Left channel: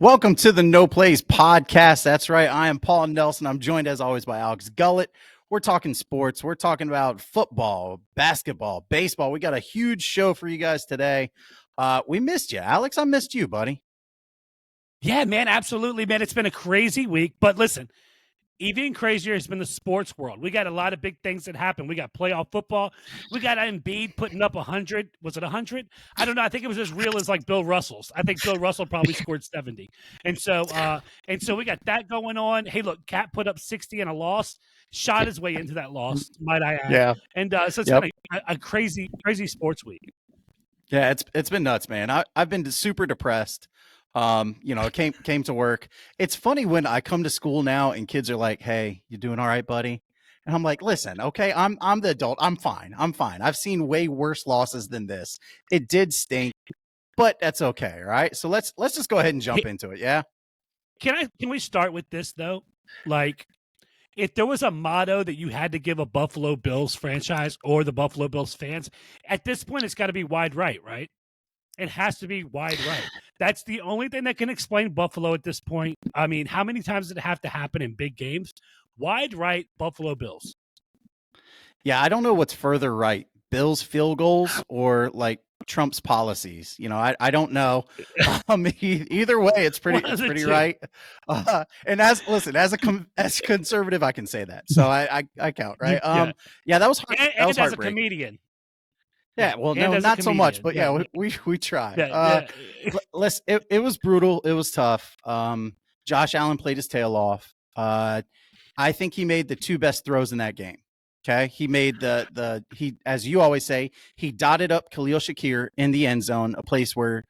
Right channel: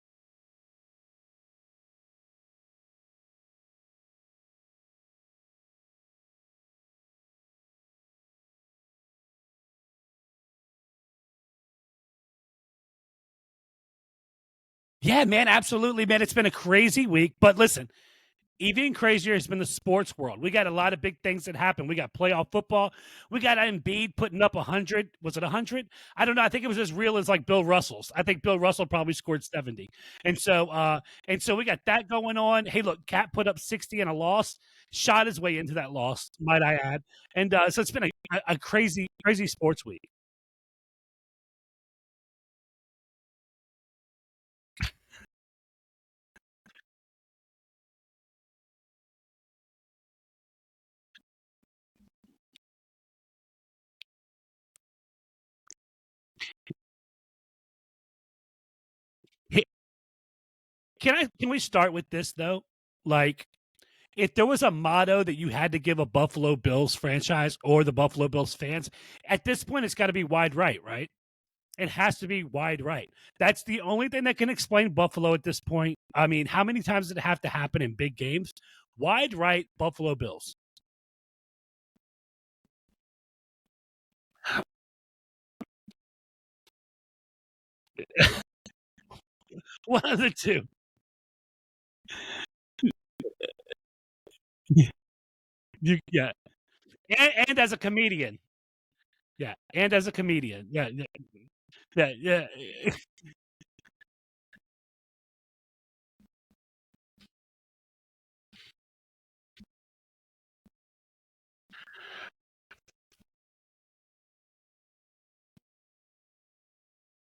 Welcome to the No Plays podcast. That's right. I am Paul Nelson. I'm joined as always by Alex Gullett. We're talking sports. We're talking about football, basketball, baseball. We got a huge show for you guys today. We missed you, Alex. I missed you, buddy. Yeah, man, absolutely, man. It's been a crazy week, but listen, even crazier has been the sports world. We got a lot of big things that happen. We got playoff football. We got Embiid putting up 100. Was it 100? I don't know. I think it was as real as like Bill Russell's. I think Bill Russell probably scored 70. And so we got that going on. Hey, look, Cat put up 60 in a loss, shot his way into that loss, might I add. Yeah. And so it's been a crazy sports week. Yeah, it's been nuts, man. I've been super depressed. It came to work. It's funny when I come to school now and kids are like, "Hey, you doing all right, buddy?" And I'm like, "Listen, okay, I'm the adult. I'm fine. I've seen way worse losses than this. It did stink, but that's okay, right? So let's just go ahead and jump into it, yeah? Can we start with this though? Like, if there was a motto that you had to give a Buffalo Bills franchise or the Buffalo Bills fans, at this point it's got to be wide right? It has to be wide right. That's the only thing that can explain Buffalo at this point. I mean, how many times did it have to happen in big games? Wide right, Buffalo Bills. Yeah, I don't know what's further right, Bills field goals or like Trump's policies. I don't know. Either way, it's pretty right. And as conservative, I can say that. So I count, right? Yeah, that was hard. And as a comedian. Yeah, well, no, not so much, but yeah, we try. It was brutal. It was tough. Josh Allen played his tail off. I think he made the two best throws in that game. Okay, he made he, as you always say, he dotted up Khalil Shakir in the end zone, a place where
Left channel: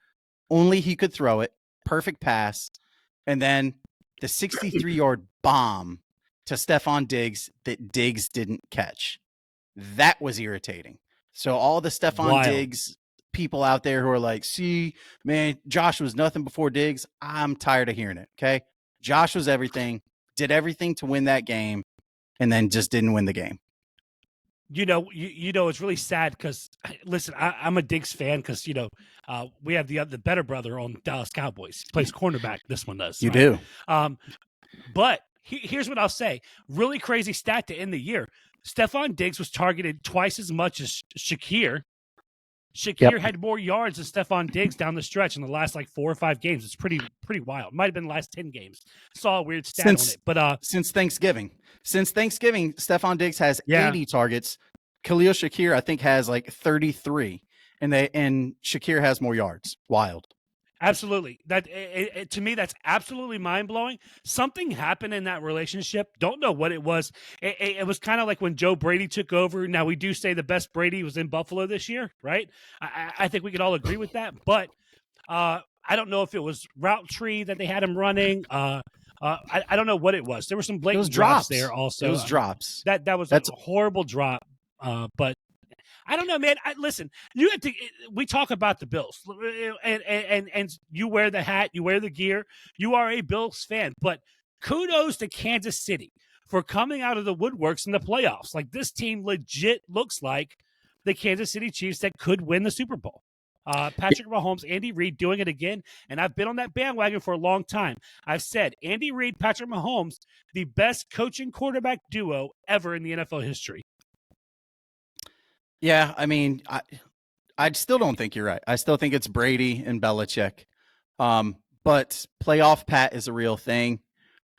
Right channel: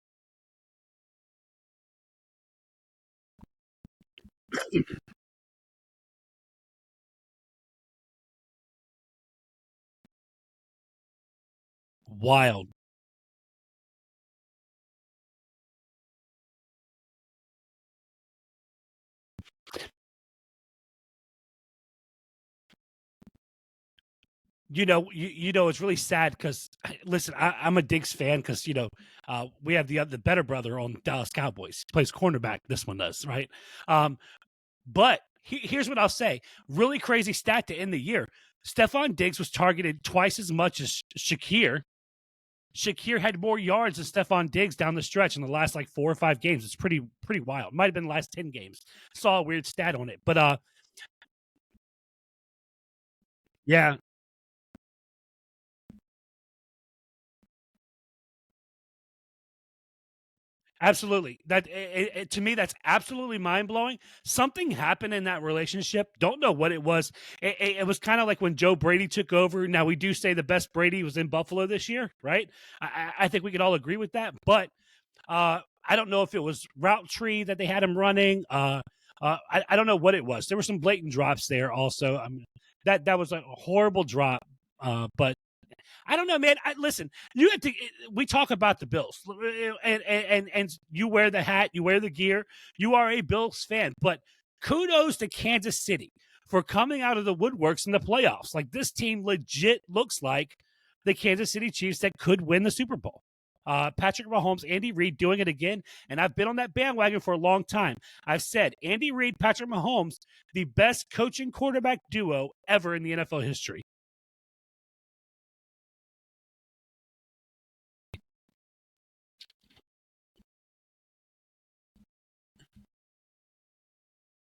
only he could throw it. Perfect pass, and then the 63-yard bomb to Stephon Diggs that Diggs didn't catch. That was irritating. So all the Stephon Diggs people out there who are like, "See, man, Josh was nothing before Diggs." I'm tired of hearing it. Okay, Josh was everything, did everything to win that game, and then just didn't win the game. It's really sad because, listen, I'm a Diggs fan because, we have the better brother on Dallas Cowboys. He plays cornerback. This one does. You do. But here's what I'll say. Really crazy stat to end the year. Stephon Diggs was targeted twice as much as Shakir. Shakir had more yards than Stephon Diggs down the stretch in the last like 4 or 5 games. It's pretty wild. Might have been the last 10 games. Saw a weird stat on it. But since Thanksgiving, Stephon Diggs has 80 targets. Khalil Shakir, I think, has like 33, and Shakir has more yards. Wild. Absolutely. That to me, that's absolutely mind blowing. Something happened in that relationship. Don't know what it was. It was kind of like when Joe Brady took over. Now we do say the best Brady was in Buffalo this year, right? I think we could all agree with that. But I don't know if it was route tree that they had him running. I don't know what it was. There were some blatant drops there also. It was drops. That's a horrible drop. But I don't know, man. Listen, you have to. We talk about the Bills, and you wear the hat, you wear the gear. You are a Bills fan, but kudos to Kansas City for coming out of the woodworks in the playoffs. Like, this team legit looks like the Kansas City Chiefs that could win the Super Bowl. Patrick Mahomes, Andy Reid doing it again, and I've been on that bandwagon for a long time. I've said Andy Reid, Patrick Mahomes, the best coaching quarterback duo ever in the NFL history. Yeah, I mean, I still don't think you're right. I still think it's Brady and Belichick. But playoff Pat is a real thing.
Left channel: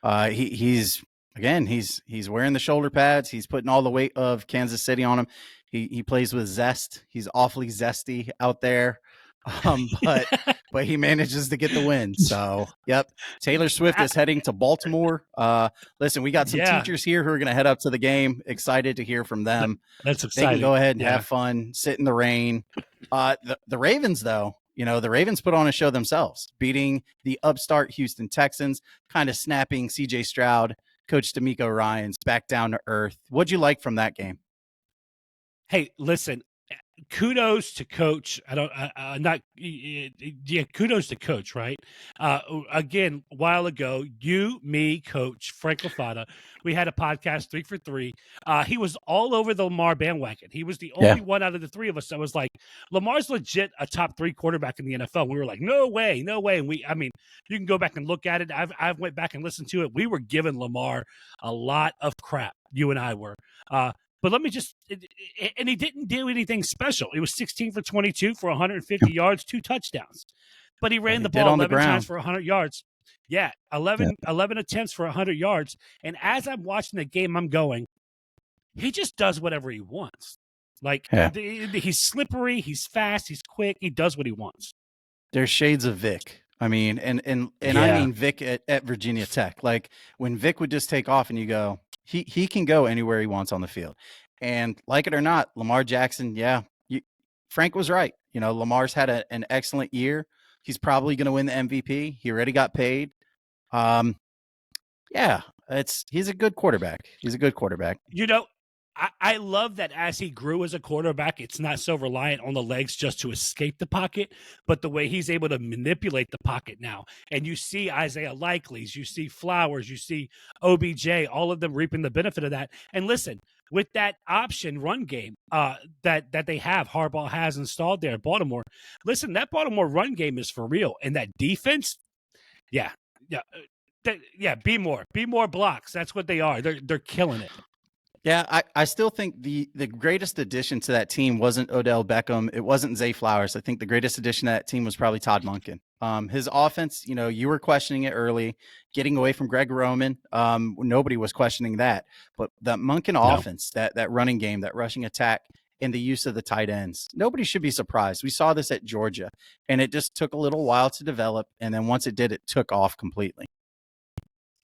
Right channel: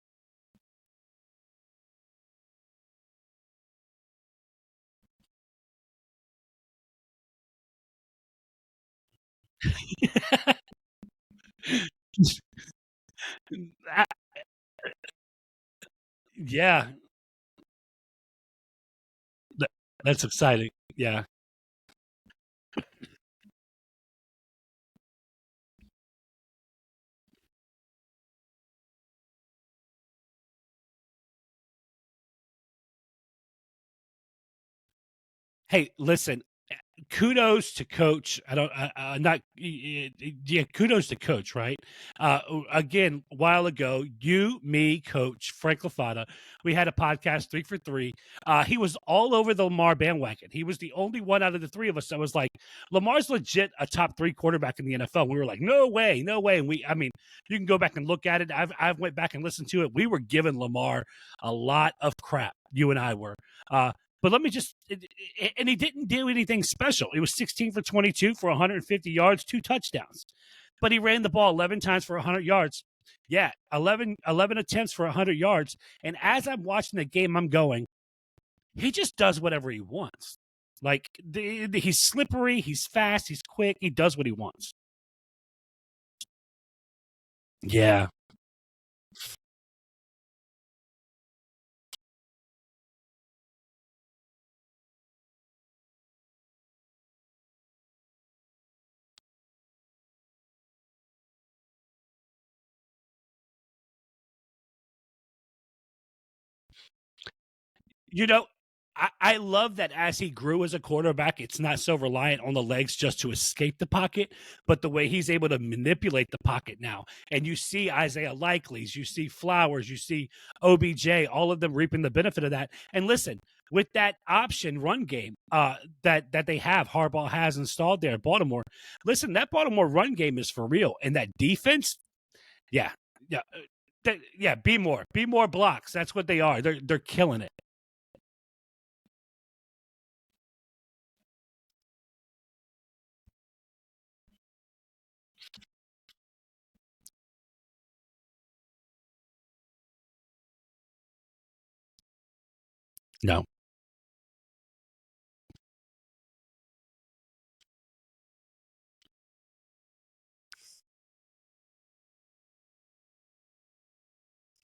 He's wearing the shoulder pads. He's putting all the weight of Kansas City on him. He plays with zest. He's awfully zesty out there. But he manages to get the win. So, yep. Taylor Swift is heading to Baltimore. Listen, we got some teachers here who are going to head up to the game. Excited to hear from them. That's exciting. They can go ahead and have fun, sit in the rain. The Ravens, though, the Ravens put on a show themselves, beating the upstart Houston Texans, kind of snapping C.J. Stroud, Coach D'Amico Ryans back down to earth. What'd you like from that game? Hey, listen, kudos to coach. Kudos to coach, right? Again, a while ago, you, me, coach, Frank Lafada, we had a podcast 3 for 3. He was all over the Lamar bandwagon. He was the only one out of the three of us that was like, Lamar's legit a top 3 quarterback in the NFL. We were like, no way. And you can go back and look at it. I've went back and listened to it. We were giving Lamar a lot of crap. You and I were. But let me just, and he didn't do anything special. He was 16 for 22 for 150 yards, 2 touchdowns. But he ran the ball 11 times for 100 yards. Yeah, 11 attempts for 100 yards. And as I'm watching the game, I'm going, he just does whatever he wants. Like, he's slippery, he's fast, he's quick, he does what he wants. There's shades of Vic. I mean, and I mean Vic at Virginia Tech. Like, when Vic would just take off and you go, he can go anywhere he wants on the field. And like it or not, Lamar Jackson, Frank was right. You know, Lamar's had an excellent year. He's probably going to win the MVP. He already got paid. He's a good quarterback. You know, I love that as he grew as a quarterback, it's not so reliant on the legs just to escape the pocket, but the way he's able to manipulate the pocket now. And you see Isaiah Likely's, you see Flowers, you see OBJ, all of them reaping the benefit of that. And listen, with that option run game that they have, Harbaugh has installed there in Baltimore, listen, that Baltimore run game is for real. And that defense, be more blocks. That's what they are. They're killing it. Yeah, I still think the greatest addition to that team wasn't Odell Beckham. It wasn't Zay Flowers. I think the greatest addition to that team was probably Todd Monken. His offense, you know, you were questioning it early, getting away from Greg Roman. Nobody was questioning that. But that Monken offense, that running game, that rushing attack, and the use of the tight ends, nobody should be surprised. We saw this at Georgia, and it just took a little while to develop. And then once it did, it took off completely.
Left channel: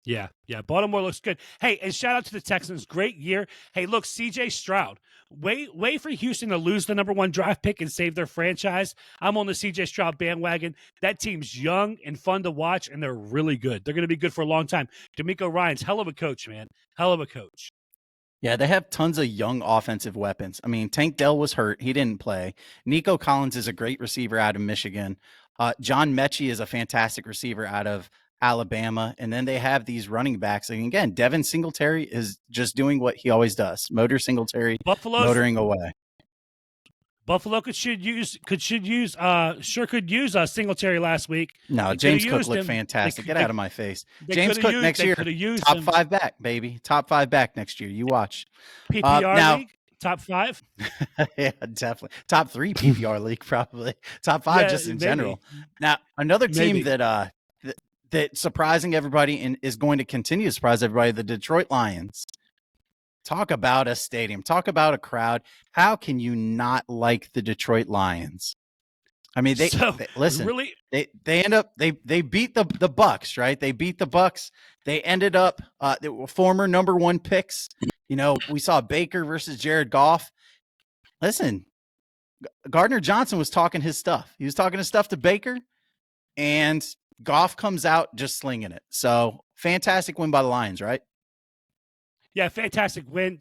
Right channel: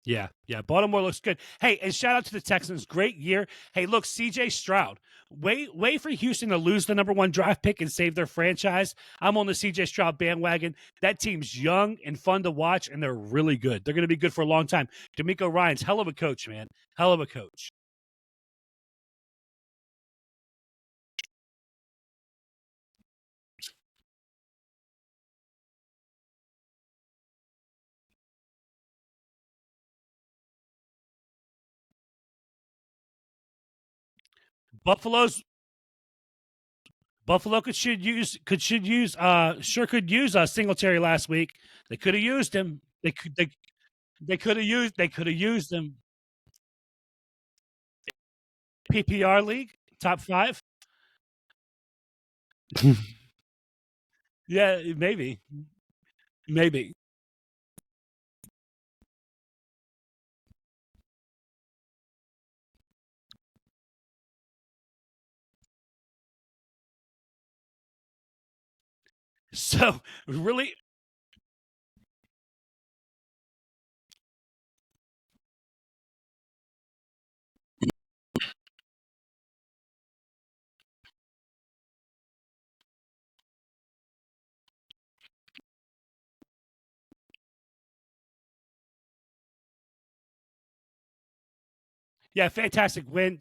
Yeah. Baltimore looks good. Hey, and shout out to the Texans. Great year. Hey, look, CJ Stroud. Wait for Houston to lose the number 1 draft pick and save their franchise. I'm on the CJ Stroud bandwagon. That team's young and fun to watch, and they're really good. They're going to be good for a long time. DeMeco Ryans, hell of a coach, man. Hell of a coach. Yeah, they have tons of young offensive weapons. I mean, Tank Dell was hurt. He didn't play. Nico Collins is a great receiver out of Michigan. John Mechie is a fantastic receiver out of Alabama. And then they have these running backs. And again, Devin Singletary is just doing what he always does. Motoring away. Buffalo should use Singletary last week. No, James Cook looked fantastic. Get out of my face. They could have used top 5 back, baby. Top 5 back next year. You watch. PPR league, top 5. Yeah, definitely. Top 3 PPR league, probably. Top 5 just in general. Now, another team that surprising everybody and is going to continue to surprise everybody, the Detroit Lions. Talk about a stadium. Talk about a crowd. How can you not like the Detroit Lions? I mean, they beat the Bucks, right? They beat the Bucks. They ended up they were former number 1 picks. You know, we saw Baker versus Jared Goff. Listen, Gardner Johnson was talking his stuff. He was talking his stuff to Baker, and Goff comes out just slinging it. So fantastic win by the Lions, right? Yeah, fantastic win.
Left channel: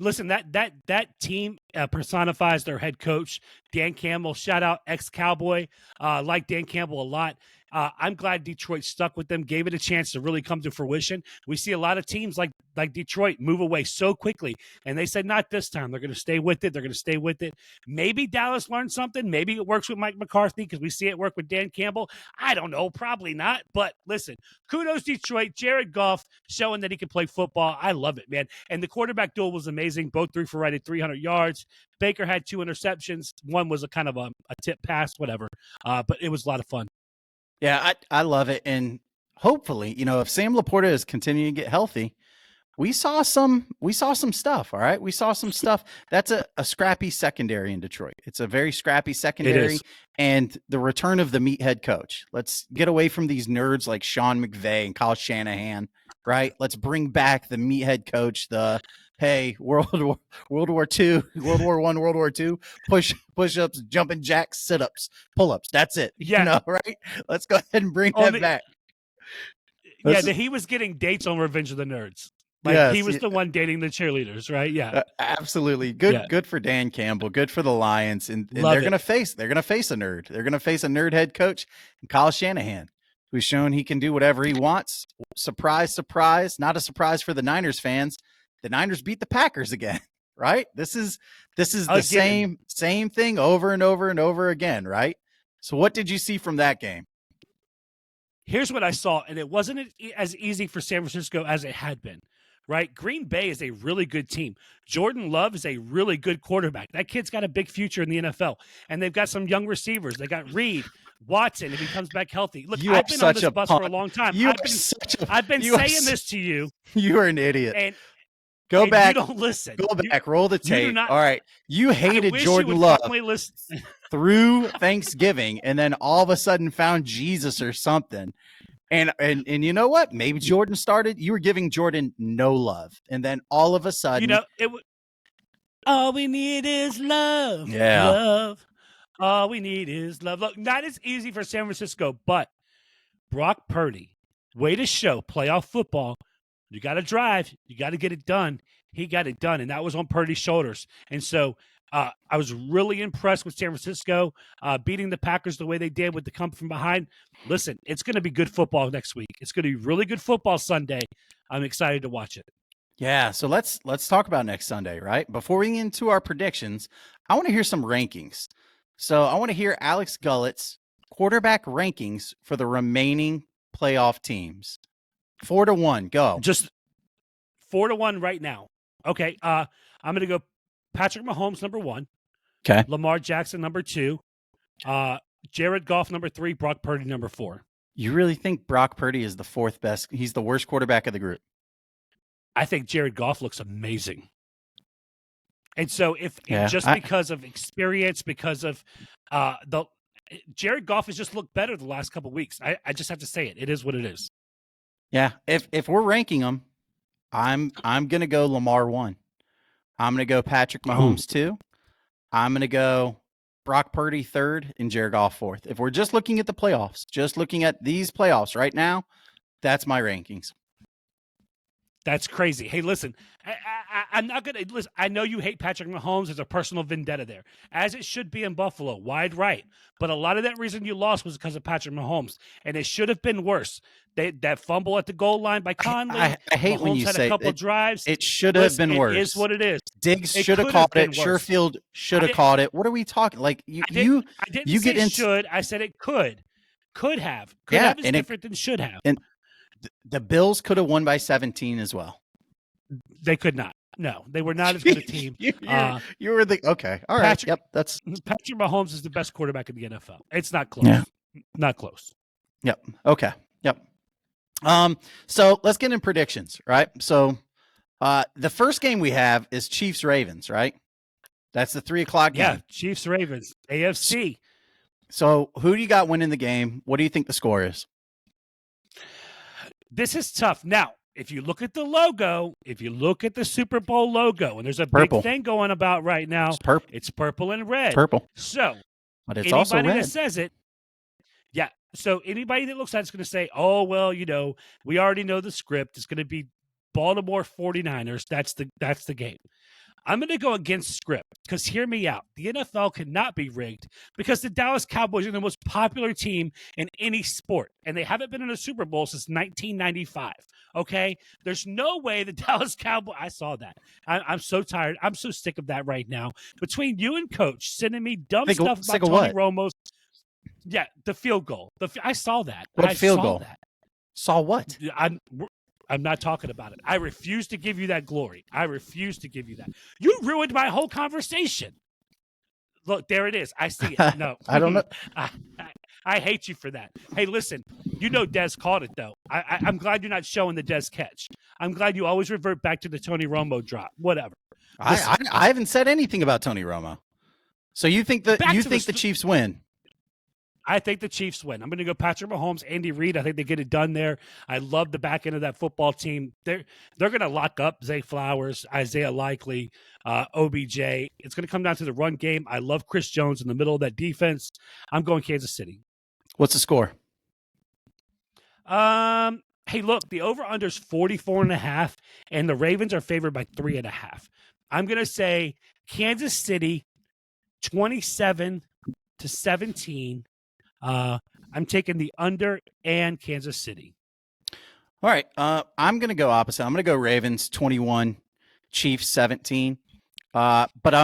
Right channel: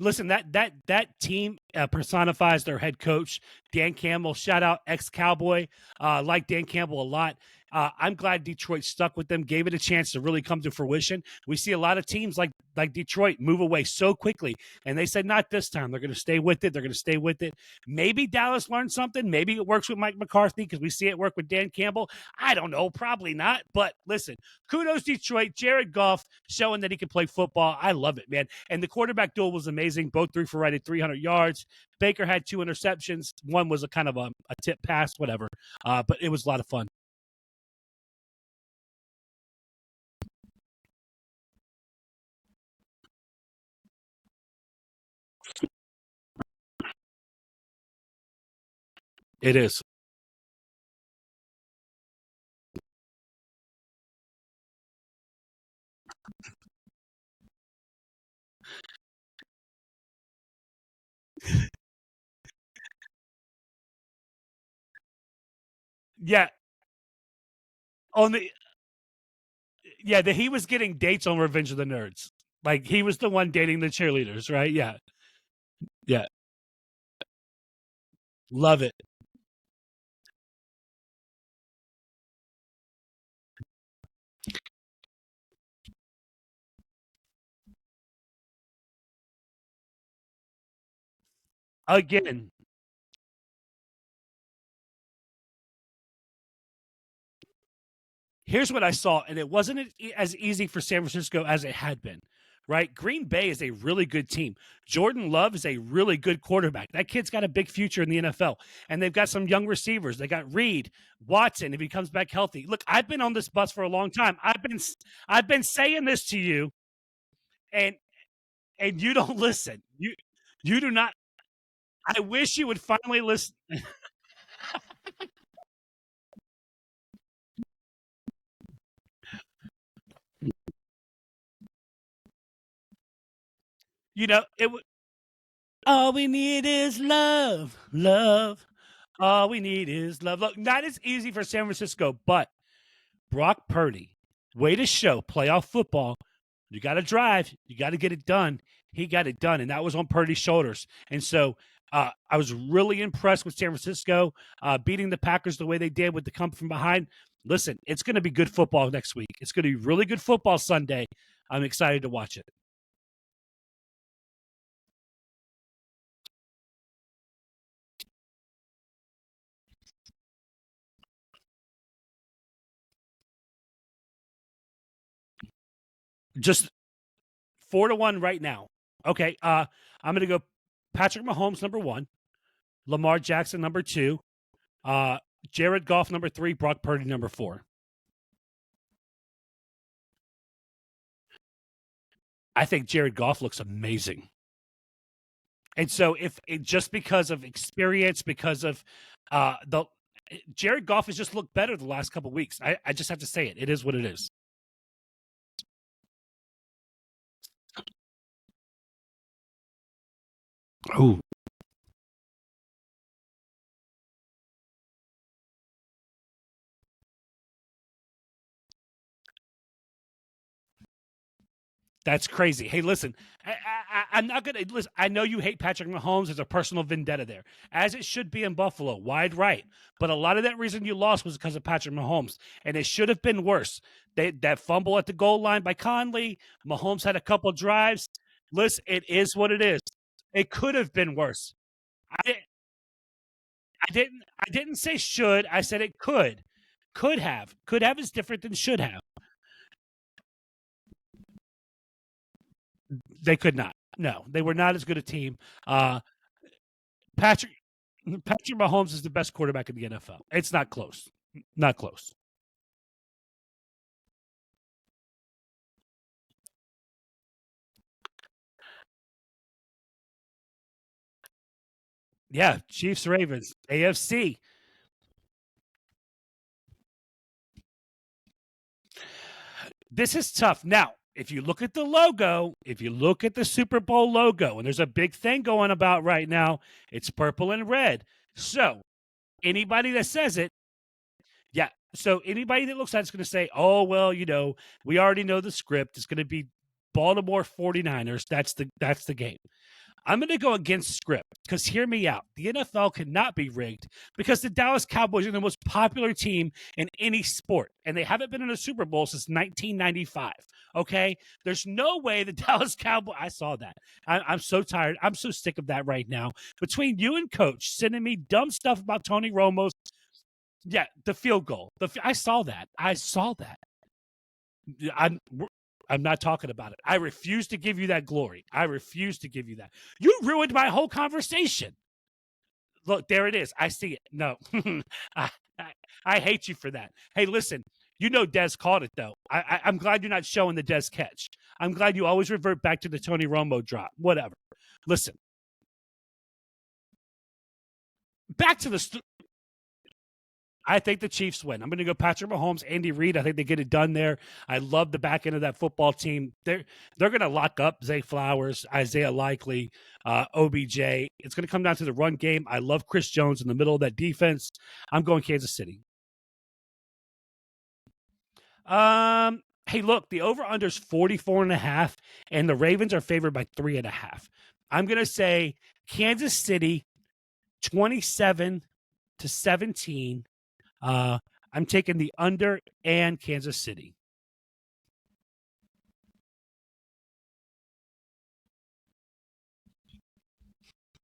Listen, that team personifies their head coach, Dan Campbell. Shout out ex-Cowboy. Like Dan Campbell a lot. I'm glad Detroit stuck with them, gave it a chance to really come to fruition. We see a lot of teams like Detroit move away so quickly, and they said not this time. They're going to stay with it. Maybe Dallas learned something. Maybe it works with Mike McCarthy because we see it work with Dan Campbell. I don't know. Probably not. But listen, kudos Detroit. Jared Goff showing that he can play football. I love it, man. And the quarterback duel was amazing. Both threw for right at 300 yards. Baker had 2 interceptions. One was a kind of a tip pass, whatever. But it was a lot of fun. Yeah, I love it. And hopefully, you know, if Sam Laporta is continuing to get healthy, we saw some stuff. All right. We saw some stuff. That's a scrappy secondary in Detroit. It's a very scrappy secondary. It is. And the return of the meathead coach. Let's get away from these nerds like Sean McVay and Kyle Shanahan. Right. Let's bring back the meathead coach, hey, World War II, World War I, World War II, push-ups, jumping jacks, sit-ups, pull-ups. That's it. Yeah. You know, right? Let's go ahead and bring that back. He was getting dates on Revenge of the Nerds. Like yes, he was the one dating the cheerleaders, right? Yeah, absolutely. Good for Dan Campbell. Good for the Lions, and they're gonna face a nerd. They're gonna face a nerd head coach, Kyle Shanahan, who's shown he can do whatever he wants. Surprise, surprise! Not a surprise for the Niners fans. The Niners beat the Packers again, right? This is the same thing over and over and over again, right? So what did you see from that game? Here's what I saw, and it wasn't as easy for San Francisco as it had been. Right? Green Bay is a really good team. Jordan Love is a really good quarterback. That kid's got a big future in the NFL. And they've got some young receivers. They got Reed, Watson, if he comes back healthy. Look, I've been on this bus for a long time. I've been saying this to you. You are an idiot. And go back. You don't listen. Go back. Roll the tape. You do not. All right. You hated Jordan Love through Thanksgiving, and then all of a sudden found Jesus or something. And you know what? Maybe Jordan started. You were giving Jordan no love, and then all of a sudden, all we need is love. Yeah, love. All we need is love. Look, not as easy for San Francisco, but Brock Purdy, way to show playoff football. You got to drive. You got to get it done. He got it done, and that was on Purdy's shoulders. And so I was really impressed with San Francisco beating the Packers the way they did with the come from behind. Listen, it's going to be good football next week. It's going to be really good football Sunday. I'm excited to watch it. Yeah, so let's talk about next Sunday, right? Before we get into our predictions, I want to hear some rankings. So I want to hear Alex Gullett's quarterback rankings for the remaining playoff teams. 4-1, go. Just 4-1 right now. Okay, I'm going to go Patrick Mahomes, number 1. Okay. Lamar Jackson, number 2. Jared Goff, number 3. Brock Purdy, number 4. You really think Brock Purdy is the 4th best? He's the worst quarterback of the group? I think Jared Goff looks amazing. And so because of experience, because of Jared Goff has just looked better the last couple of weeks. I just have to say it. It is what it is. Yeah. If we're ranking them, I'm going to go Lamar 1. I'm going to go Patrick Mahomes 2. I'm going to go Brock Purdy 3rd and Jared Goff 4th. If we're just looking at the playoffs, just looking at these playoffs right now, that's my rankings. That's crazy. Hey, listen, I'm not going to listen. I know you hate Patrick Mahomes. There's a personal vendetta there, as it should be in Buffalo, wide right. But a lot of that reason you lost was because of Patrick Mahomes, and it should have been worse. That fumble at the goal line by Conley. I hate Mahomes when you had say a couple drives. It should have been worse. It is what it is. Diggs should have caught it. Sherfield should have caught it. What are we talking? Like I didn't say should. I said it could. Could have. Could have is different than should have. And the Bills could have won by 17 as well. They could not. No, they were not as good a team. You were the okay. All right. Patrick Mahomes is the best quarterback in the NFL. It's not close. Yeah. Not close. Yep. Okay. Yep. So let's get in predictions, right? So the first game we have is Chiefs Ravens, right? That's the 3:00 game. Yeah, Chiefs Ravens, AFC. So who do you got winning the game? What do you think the score is? This is tough. Now, if you look at the logo, if you look at the Super Bowl logo, and there's a big thing going about right now, it's purple and red. Purple. So but it's anybody that says it, yeah. So anybody that looks at it's going to say, oh, well, we already know the script. It's going to be Baltimore 49ers. That's the game. I'm going to go against script because hear me out. The NFL cannot be rigged because the Dallas Cowboys are the most popular team in any sport, and they haven't been in a Super Bowl since 1995. Okay? There's no way the Dallas Cowboys – I saw that. I'm so tired. I'm so sick of that right now. Between you and Coach sending me dumb stuff about Tony Romo's – yeah, the field goal. I saw that. I saw that. Saw what? I'm not talking about it. I refuse to give you that glory. I refuse to give you that. You ruined my whole conversation. Look, there it is. I see it. No. I don't know. I hate you for that. Hey, listen, Dez caught it, though. I'm glad you're not showing the Dez catch. I'm glad you always revert back to the Tony Romo drop. Whatever. I haven't said anything about Tony Romo. So you think the Chiefs win? I think the Chiefs win. I'm going to go Patrick Mahomes, Andy Reid. I think they get it done there. I love the back end of that football team. They're going to lock up Zay Flowers, Isaiah Likely, OBJ. It's going to come down to the run game. I love Chris Jones in the middle of that defense. I'm going Kansas City. What's the score? Hey, Hey, look, the over-under is 44.5, and the Ravens are favored by 3.5. I'm going to say Kansas City 27-17. I'm taking the under and Kansas City. All right. I'm going to go opposite. I'm going to go Ravens 21, Chiefs 17. But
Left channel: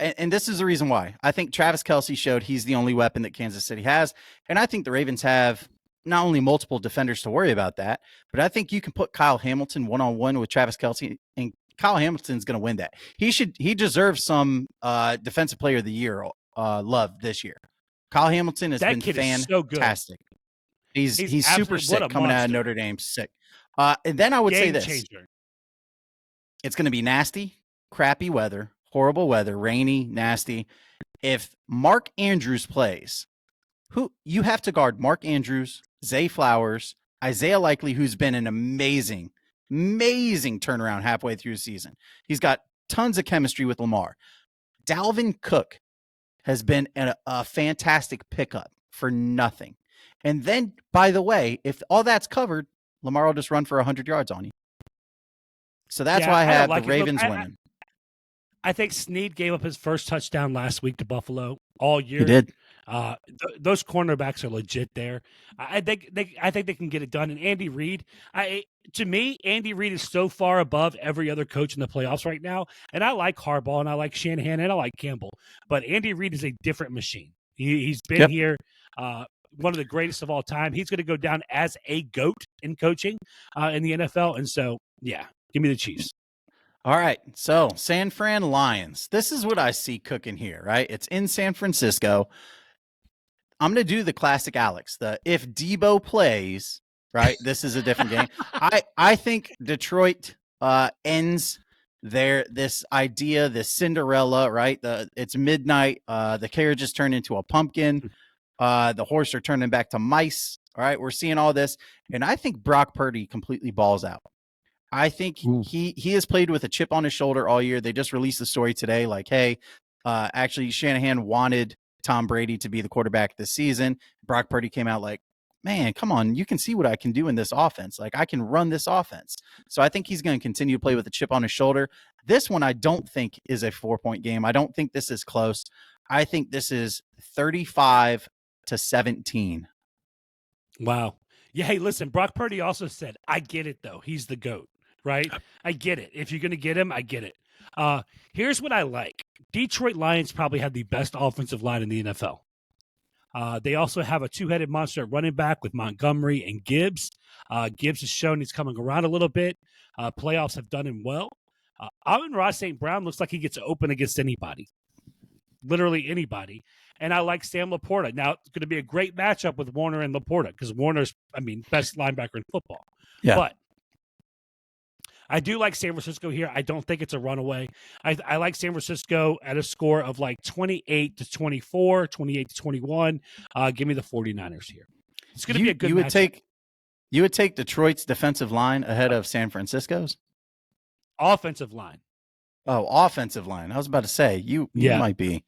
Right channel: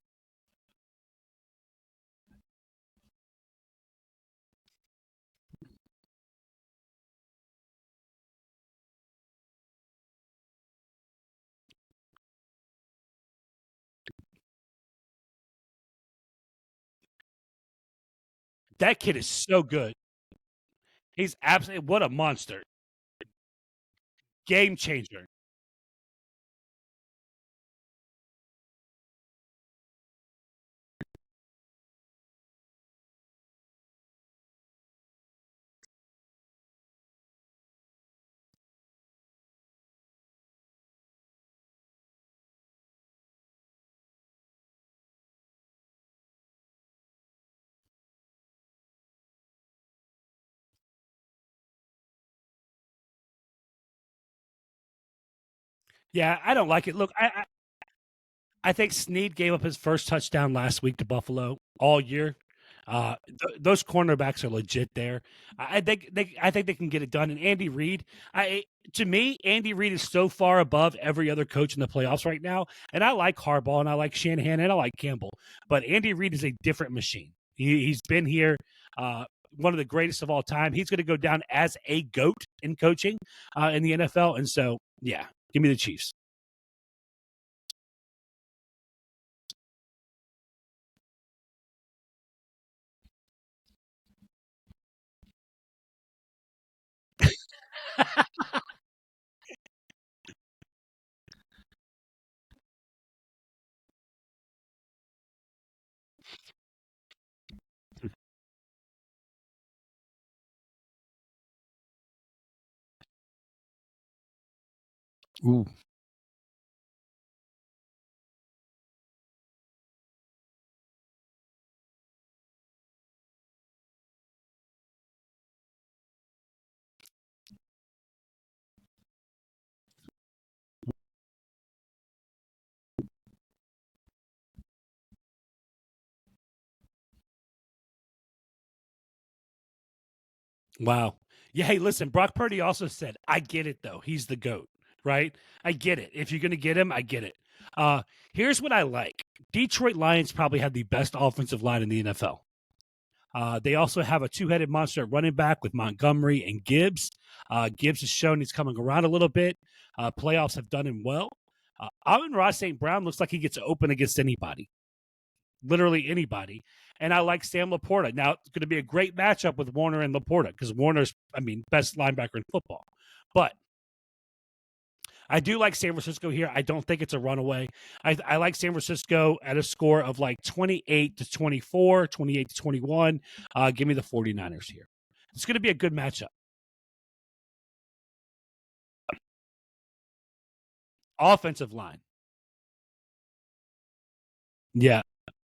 and this is the reason why. I think Travis Kelce showed he's the only weapon that Kansas City has. And I think the Ravens have not only multiple defenders to worry about that, but I think you can put Kyle Hamilton one-on-one with Travis Kelce, and Kyle Hamilton's going to win that. He deserves some defensive player of the year love this year. Kyle Hamilton has been fantastic. So good. He's super sick coming out of Notre Dame, sick. And then I would say this. Changer. It's going to be nasty, crappy weather, horrible weather, rainy, nasty. If Mark Andrews plays, who you have to guard Mark Andrews, Zay Flowers, Isaiah Likely, who's been an amazing turnaround halfway through the season. He's got tons of chemistry with Lamar. Dalvin Cook has been a fantastic pickup for nothing. And then, by the way, if all that's covered, Lamar will just run for 100 yards on you. So that's why I have the Ravens winning. I think Snead gave up his first touchdown last week to Buffalo all year. He did. Those cornerbacks are legit there. I think they can get it done. And Andy Reid, to me, Andy Reid is so far above every other coach in the playoffs right now. And I like Harbaugh, and I like Shanahan, and I like Campbell. But Andy Reid is a different machine. He's been here. One of the greatest of all time. He's going to go down as a GOAT in coaching in the NFL. And so, yeah, give me the Chiefs. All right. So San Fran Lions. This is what I see cooking here, right? It's in San Francisco. I'm going to do the classic Alex. If Debo plays, right, this is a different game. I think Detroit ends this idea, this Cinderella, right? It's midnight. The carriages turn into a pumpkin. The horse are turning back to mice. All right. We're seeing all this. And I think Brock Purdy completely balls out. I think he has played with a chip on his shoulder all year. They just released the story today. Like, hey, actually Shanahan wanted Tom Brady to be the quarterback this season. Brock Purdy came out like, man, come on. You can see what I can do in this offense. Like, I can run this offense. So I think he's going to continue to play with a chip on his shoulder. This one I don't think is a 4-point game. I don't think this is close. I think this is 35-17. Wow. Yeah, hey, listen, Brock Purdy also said, I get it, though. He's the GOAT, right? I get it. If you're going to get him, I get it. Here's what I like. Detroit Lions probably have the best offensive line in the NFL. They also have a two-headed monster at running back with Montgomery and Gibbs. Gibbs has shown he's coming around a little bit. Playoffs have done him well. Amon-Ra St. Brown looks like he gets open against anybody. Literally anybody. And I like Sam Laporta. Now, it's going to be a great matchup with Warner and Laporta because Warner's, best linebacker in football. Yeah. But I do like San Francisco here. I don't think it's a runaway. I like San Francisco at a score of like 28-24, 28-21. Give me the 49ers here. It's going to be a good matchup. You would take Detroit's defensive line ahead of San Francisco's? Offensive line. Oh, offensive line. I was about to say, you might be.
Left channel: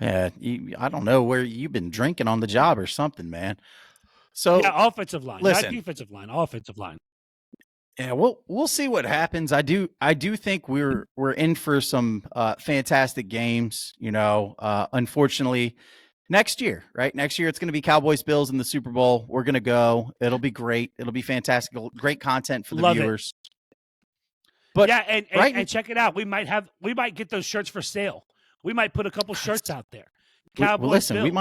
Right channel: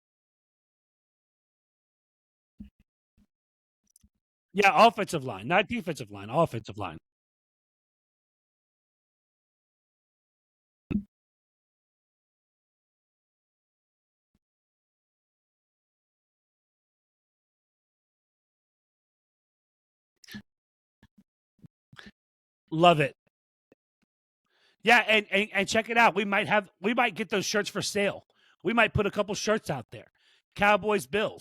Yeah, I don't know where you've been drinking on the job or something, man. So yeah, offensive line, not defensive line, offensive line. Yeah, we'll see what happens. I do think we're in for some fantastic games. Unfortunately, next year, right? Next year it's going to be Cowboys Bills in the Super Bowl. We're going to go. It'll be great. It'll be fantastic. Great content for the viewers. But yeah, and check it out. We might get those shirts for sale. We might put a couple shirts out there. Cowboys Bills. We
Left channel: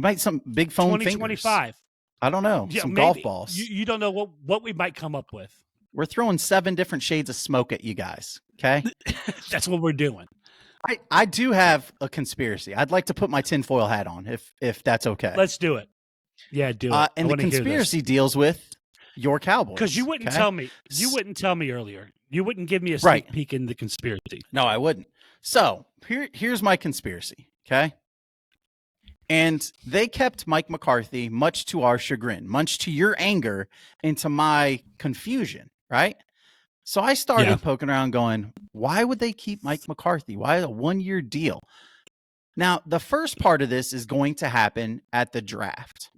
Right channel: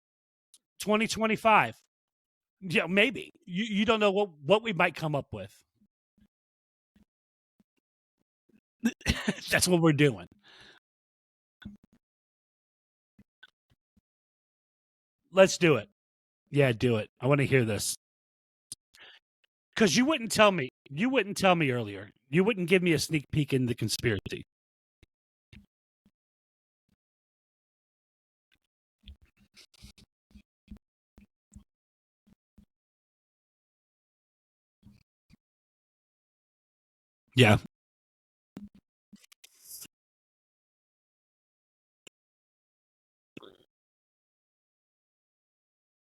might some big phone 2025. I don't know. Yeah, some maybe. Golf balls. You don't know what we might come up with. We're throwing 7 different shades of smoke at you guys. Okay, that's what we're doing. I do have a conspiracy. I'd like to put my tinfoil hat on, if that's okay. Let's do it. Yeah, do it. And I want the to hear this. conspiracy deals with your Cowboys. Because you wouldn't tell me. You wouldn't tell me earlier. You wouldn't give me a sneak peek in the conspiracy. No, I wouldn't. So here's my conspiracy. Okay. And they kept Mike McCarthy, much to our chagrin, much to your anger, into my confusion, right? So I started poking around going, why would they keep Mike McCarthy? Why a 1-year deal? Now, the first part of this is going to happen at the draft.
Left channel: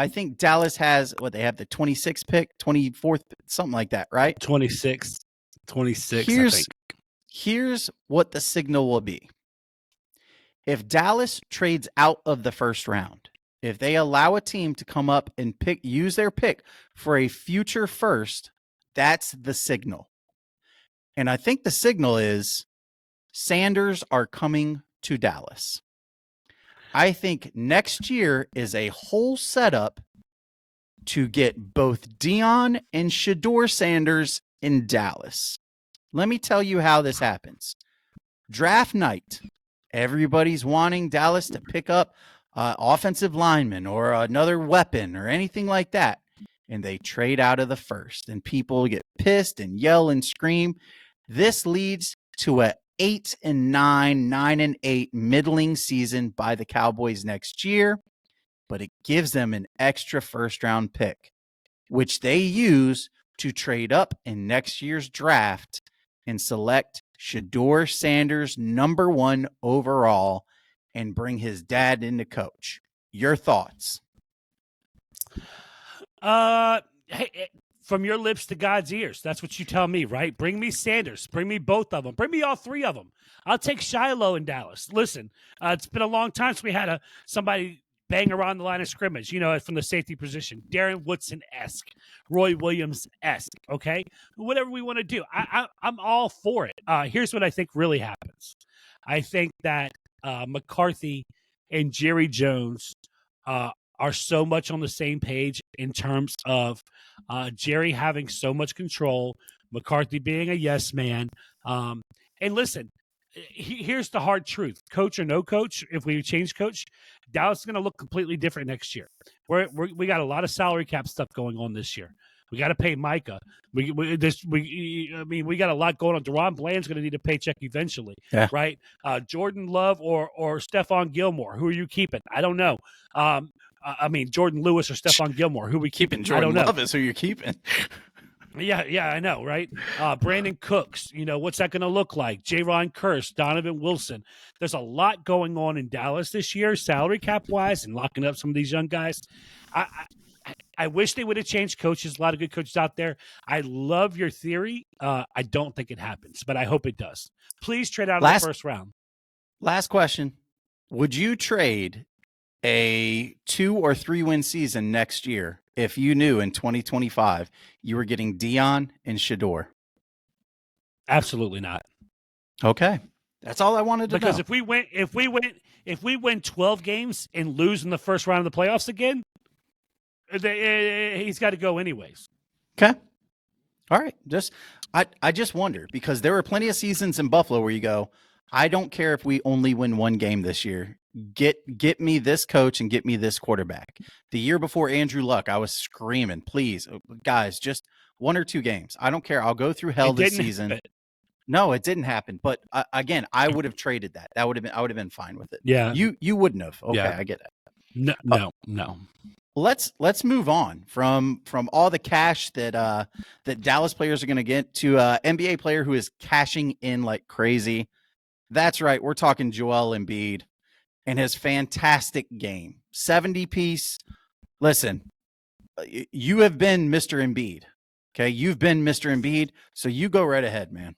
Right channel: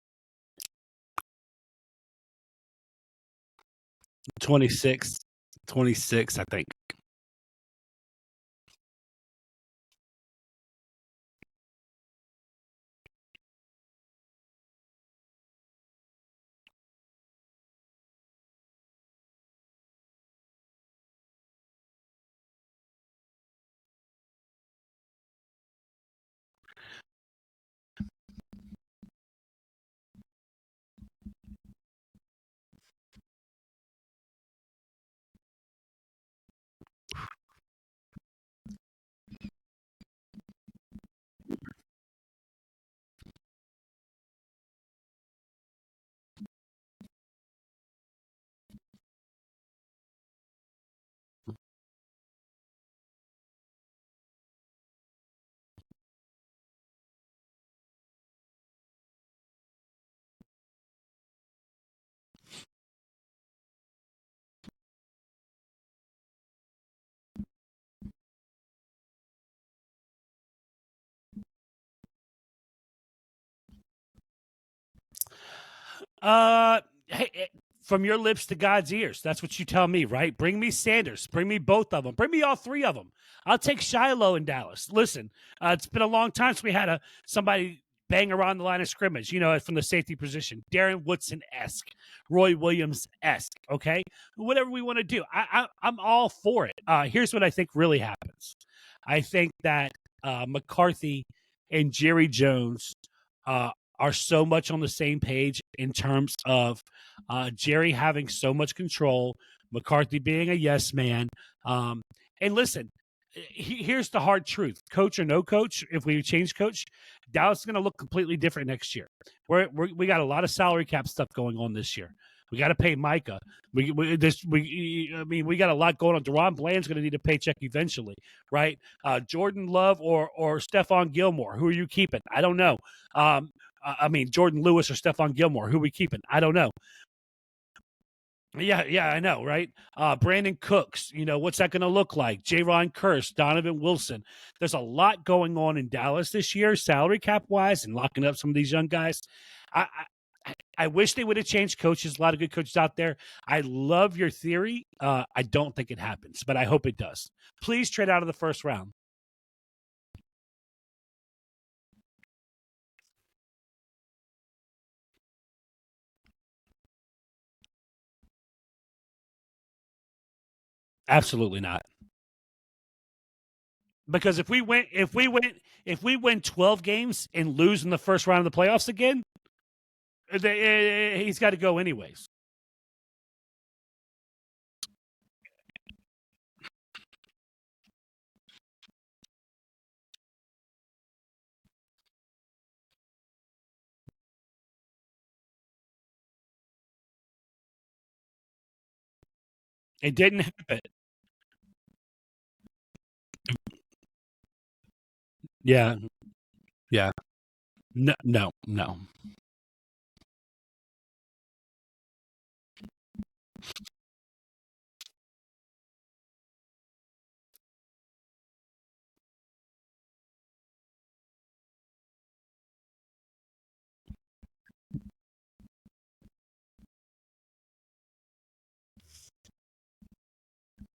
I think Dallas has they have the 26th pick, 24th, something like that, right? 26, I think. Here's what the signal will be. If Dallas trades out of the first round, if they allow a team to come up and use their pick for a future first, that's the signal. And I think the signal is Sanders are coming to Dallas. I think next year is a whole setup to get both Deion and Shedeur Sanders in Dallas. Let me tell you how this happens. Draft night, everybody's wanting Dallas to pick up offensive lineman or another weapon or anything like that. And they trade out of the first, and people get pissed and yell and scream. This leads to a 8-9, 9-8 middling season by the Cowboys next year, but it gives them an extra first-round pick, which they use to trade up in next year's draft and select Shedeur Sanders #1 overall and bring his dad in to coach. Your thoughts? Hey, from your lips to God's ears. That's what you tell me, right? Bring me Sanders. Bring me both of them. Bring me all three of them. I'll take Shiloh in Dallas. Listen, it's been a long time since we had somebody bang around the line of scrimmage, from the safety position. Darren Woodson-esque, Roy Williams-esque, okay? Whatever we want to do. I'm all for it. Here's what I think really happens. I think that McCarthy and Jerry Jones are so much on the same page in terms of Jerry having so much control, McCarthy being a yes man. And listen, here's the hard truth. Coach or no coach, if we change coach, Dallas is going to look completely different next year. We got a lot of salary cap stuff going on this year. We got to pay Micah. We got a lot going on. Deron Bland's going to need a paycheck eventually, right? Jordan Love or Stephon Gilmore. Who are you keeping? I don't know. Jordan Lewis or Stephon Gilmore. Who are we keeping? I don't know. Love is who you're keeping. Yeah, I know, right? Brandon Cooks, what's that going to look like? J-Ron Kearse, Donovan Wilson. There's a lot going on in Dallas this year, salary cap-wise, and locking up some of these young guys. I wish they would have changed coaches. A lot of good coaches out there. I love your theory. I don't think it happens, but I hope it does. Please trade out of the first round. Last question. Would you trade a 2 or 3 win season next year if you knew in 2025 you were getting Deion and Shedeur? Absolutely not. Okay. That's all I wanted to know. Because if we win 12 games and lose in the first round of the playoffs again, he's got to go anyways. Okay. All right. I just wonder, because there were plenty of seasons in Buffalo where you go, I don't care if we only win 1 game this year. Get me this coach and get me this quarterback. The year before Andrew Luck, I was screaming, please, guys, just 1 or 2 games. I don't care. I'll go through hell this season. No, it didn't happen. But again, I would have traded that. I would have been fine with it. Yeah. You wouldn't have. Okay, yeah. I get it. No. Let's move on from all the cash that Dallas players are going to get to NBA player who is cashing in like crazy. That's right. We're talking Joel Embiid and his fantastic game. 70-piece. Listen, you have been Mr. Embiid. Okay, you've been Mr. Embiid, so you go right ahead, man.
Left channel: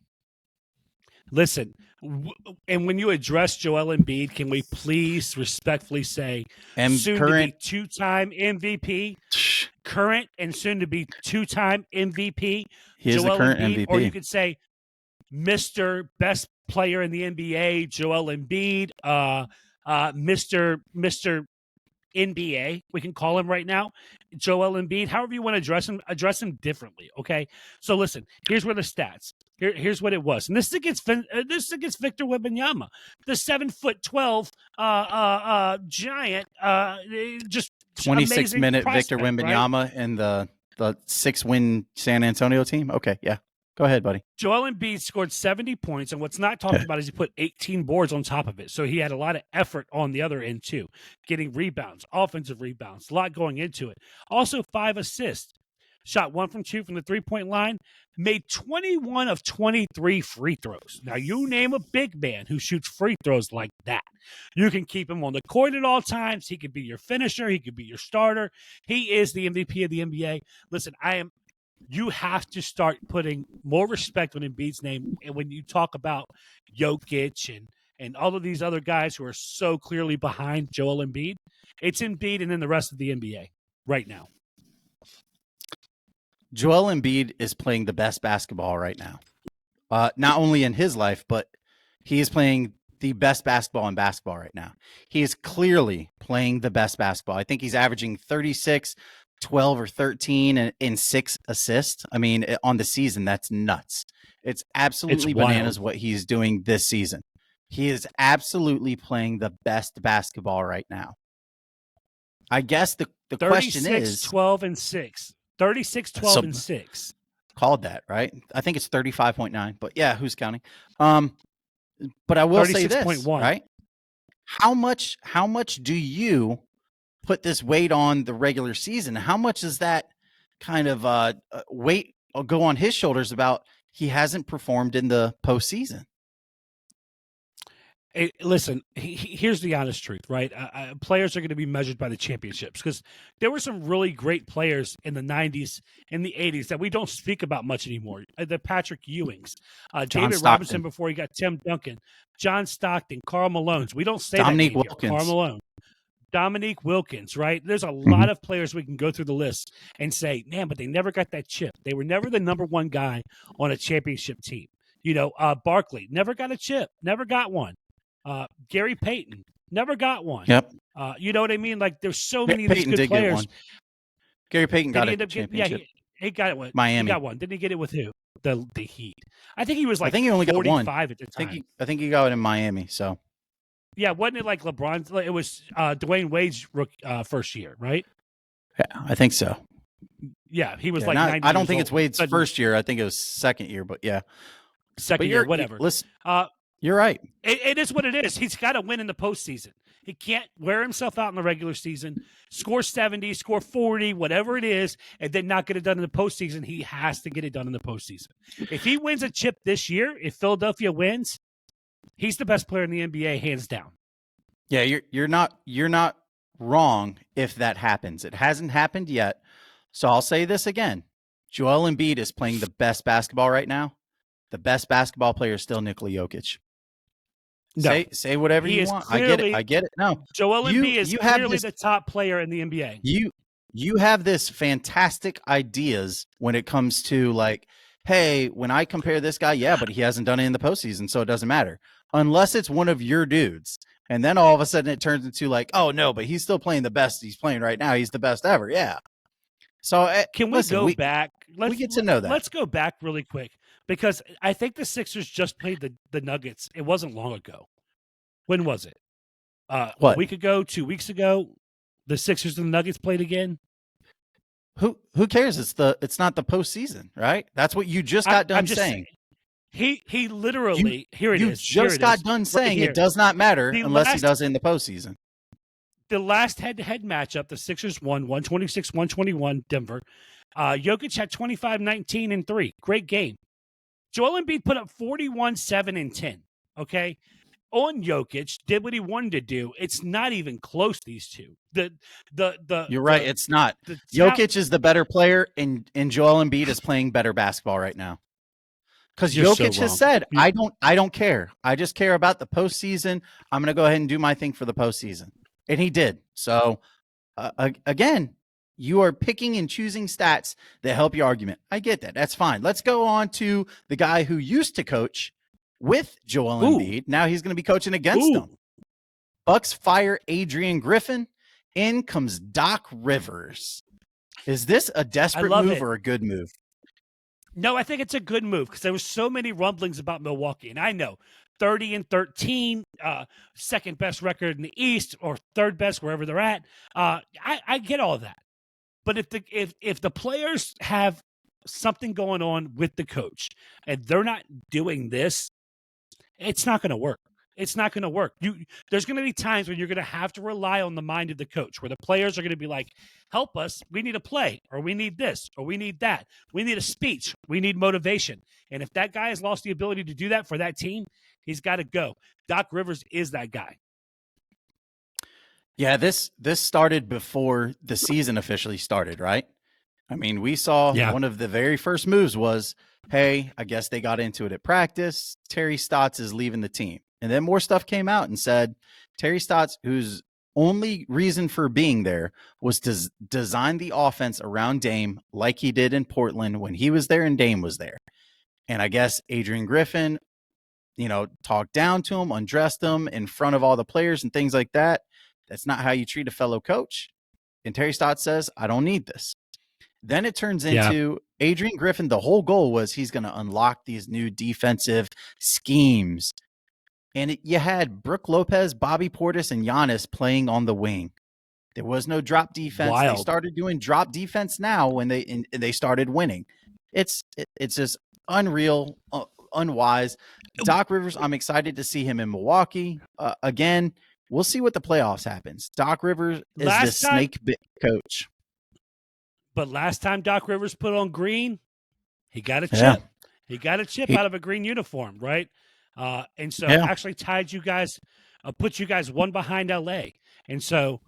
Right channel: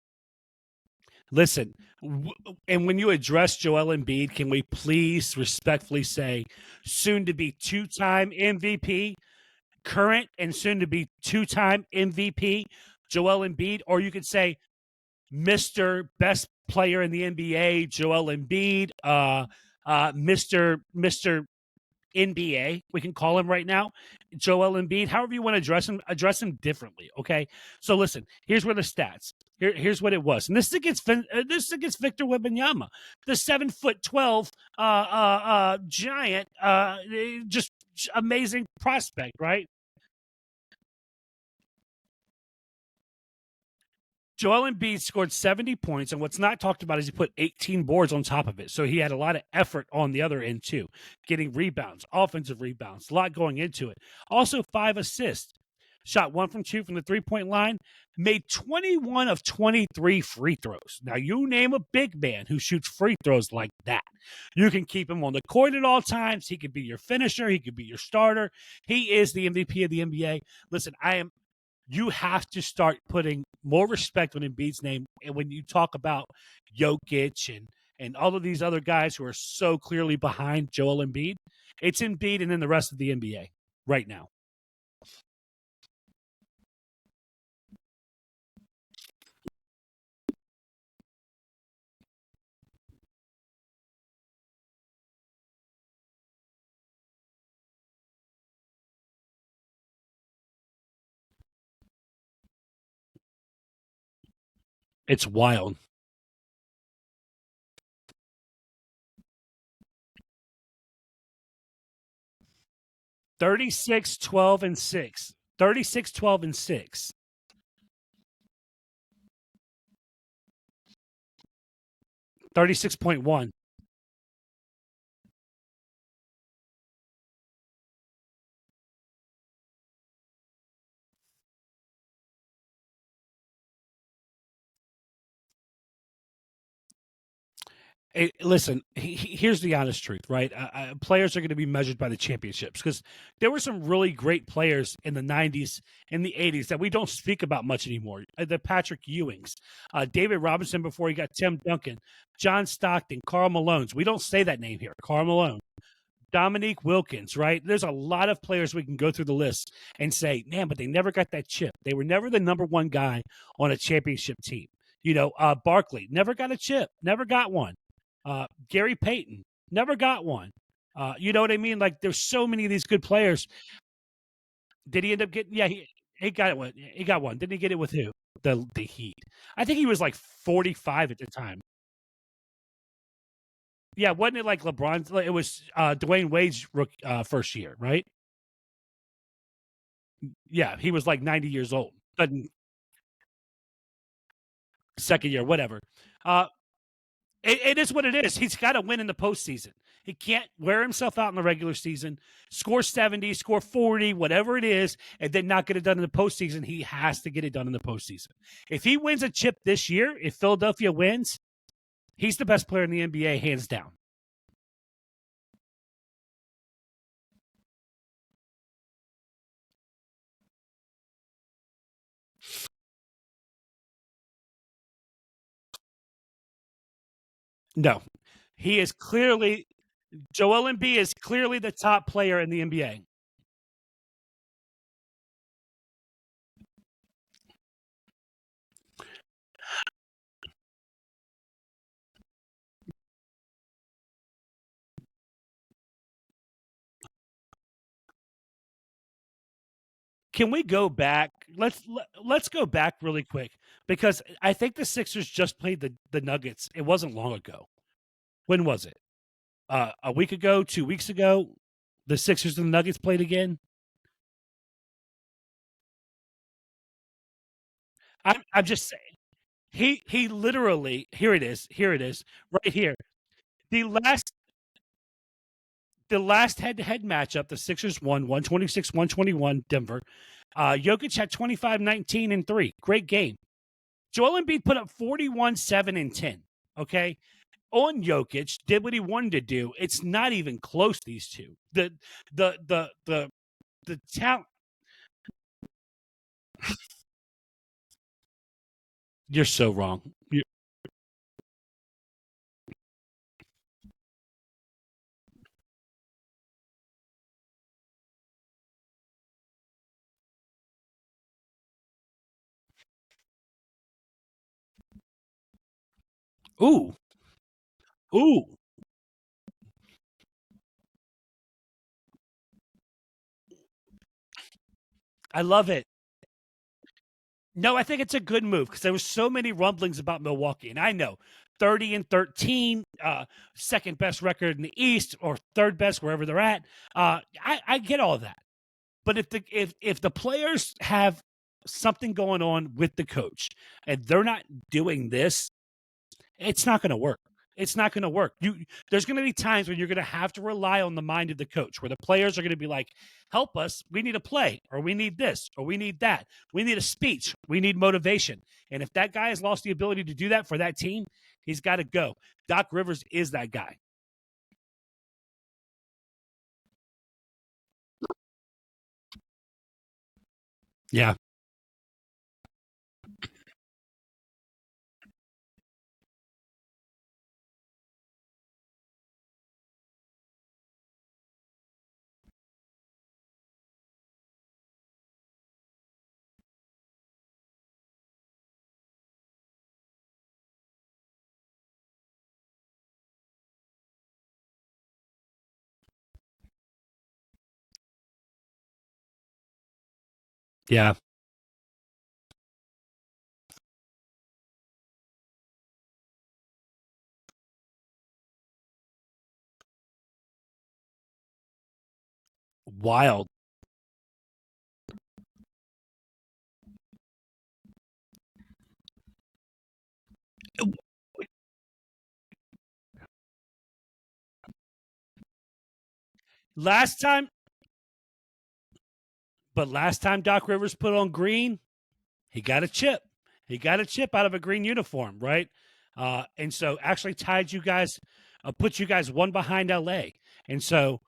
Listen, and when you address Joel Embiid, can we please respectfully say soon-to-be 2-time MVP, current and soon-to-be 2-time MVP, Joel Embiid, MVP. Or you could say Mr. Best Player in the NBA, Joel Embiid, Mr. NBA, we can call him right now, Joel Embiid. However you want to address him differently, okay? So listen, here's where the stats. Here's what it was, and this is against Victor Wembanyama, the 7'12" giant, just 26-minute Victor Wembanyama, right? And the 6-win San Antonio team. Okay, yeah. Go ahead, buddy. Joel Embiid scored 70 points, and what's not talked about is he put 18 boards on top of it. So he had a lot of effort on the other end, too, getting rebounds, offensive rebounds, a lot going into it. Also, 5 assists. shot 1 from 2 from the three-point line, made 21 of 23 free throws. Now, you name a big man who shoots free throws like that. You can keep him on the court at all times. He could be your finisher. He could be your starter. He is the MVP of the NBA. Listen, you have to start putting more respect on Embiid's name. And when you talk about Jokic and all of these other guys who are so clearly behind Joel Embiid, it's Embiid and then the rest of the NBA right now. Joel Embiid is playing the best basketball right now. Not only in his life, but he is playing the best basketball in basketball right now. He is clearly playing the best basketball. I think he's averaging 36, 12 or 13 and 6 assists. I mean, on the season, that's nuts. It's absolutely bananas what he's doing this season. He is absolutely playing the best basketball right now. I guess the question is 12 and 6. 36, 12, and 6. Called that, right? I think it's 35.9, but yeah, who's counting? But I will say this, 36.1. right? How much do you put this weight on the regular season? How much does that kind of weight go on his shoulders about he hasn't performed in the postseason? Listen, here's the honest truth, right? Players are going to be measured by the championships because there were some really great players in the 90s and the 80s that we don't speak about much anymore. The Patrick Ewings, David Robinson before he got Tim Duncan, John Stockton, Karl Malone's. We don't say Dominique that name Wilkins. here. Karl Malone, Dominique Wilkins, right? There's a lot of players we can go through the list and say, man, but they never got that chip. They were never the number one guy on a championship team. You know, Barkley never got a chip, never got one. Gary Payton never got one. Yep. You know what I mean? Like there's so many of these good players. Gary Payton got he got it with Miami. He got one. Didn't he get it with who? The Heat. I think he was like 45 at the time. I think he got it in Miami. So yeah, wasn't it like LeBron's? It was Dwayne Wade's first year, right? Yeah, I think so. Yeah, he was 90. I don't think it's Wade's first year. I think it was second year, but yeah, second year, whatever. Listen, you're right. It is what it is. He's got to win in the postseason. He can't wear himself out in the regular season, score 70, score 40, whatever it is, and then not get it done in the postseason. He has to get it done in the postseason. If he wins a chip this year, if Philadelphia wins, he's the best player in the NBA, hands down. Yeah, you're not wrong if that happens. It hasn't happened yet. So I'll say this again. Joel Embiid is playing the best basketball right now. The best basketball player is still Nikola Jokic. No. Say whatever he you is want. Clearly, I get it. No. Joel Embiid is clearly the top player in the NBA. You have this fantastic ideas when it comes to like, hey, when I compare this guy, yeah, but he hasn't done it in the postseason, so it doesn't matter. Unless it's one of your dudes. And then all of a sudden it turns into like, oh, no, but he's still playing the best he's playing right now. He's the best ever. Yeah. So can we go back? Let's get to know that. Let's go back really quick because I think the Sixers just played the Nuggets. It wasn't long ago. When was it? A week ago, 2 weeks ago, the Sixers and the Nuggets played again. Who cares? It's not the postseason, right? That's what you just got done saying. He literally here it is. Just got done saying it does not matter unless he does it in the postseason. The last head-to-head matchup, the Sixers won 126-121 Denver. Jokic had 25, 19, and 3. Great game. Joel Embiid put up 41, 7, and 10. Okay? On Jokic, did what he wanted to do. It's not even close, these two. You're right, it's not. Jokic is the better player, and Joel Embiid is playing better basketball right now. Because Jokic has said, I don't care. I just care about the postseason. I'm going to go ahead and do my thing for the postseason. And he did. So, again, you are picking and choosing stats that help your argument. I get that. That's fine. Let's go on to the guy who used to coach with Joel Embiid. Now he's going to be coaching against them. Bucks fire Adrian Griffin. In comes Doc Rivers. Is this a desperate move or a good move? No, I think it's a good move because there were so many rumblings about Milwaukee. And I know 30-13, second best record in the East or third best wherever they're at. I get all that. But if the players have something going on with the coach and they're not doing this, it's not going to work. It's not going to work. There's going to be times when you're going to have to rely on the mind of the coach, where the players are going to be like, help us. We need a play, or we need this, or we need that. We need a speech. We need motivation. And if that guy has lost the ability to do that for that team, he's got to go. Doc Rivers is that guy. Yeah, this started before the season officially started, right? I mean, we saw one of the very first moves was, hey, I guess they got into it at practice. Terry Stotts is leaving the team. And then more stuff came out and said Terry Stotts, whose only reason for being there was to design the offense around Dame like he did in Portland when he was there and Dame was there. And I guess Adrian Griffin, talked down to him, undressed him in front of all the players and things like that. That's not how you treat a fellow coach. And Terry Stotts says, I don't need this. Then it turns into Adrian Griffin. The whole goal was he's going to unlock these new defensive schemes. And you had Brook Lopez, Bobby Portis, and Giannis playing on the wing. There was no drop defense. Wild. They started doing drop defense now when they started winning. It's just unreal, unwise. Doc Rivers, I'm excited to see him in Milwaukee. Again, we'll see what the playoffs happens. Doc Rivers is the snake bit coach. But last time Doc Rivers put on green, he got a chip. Yeah. He got a chip out of a green uniform, right? And so actually tied you guys, put you guys one behind LA. And so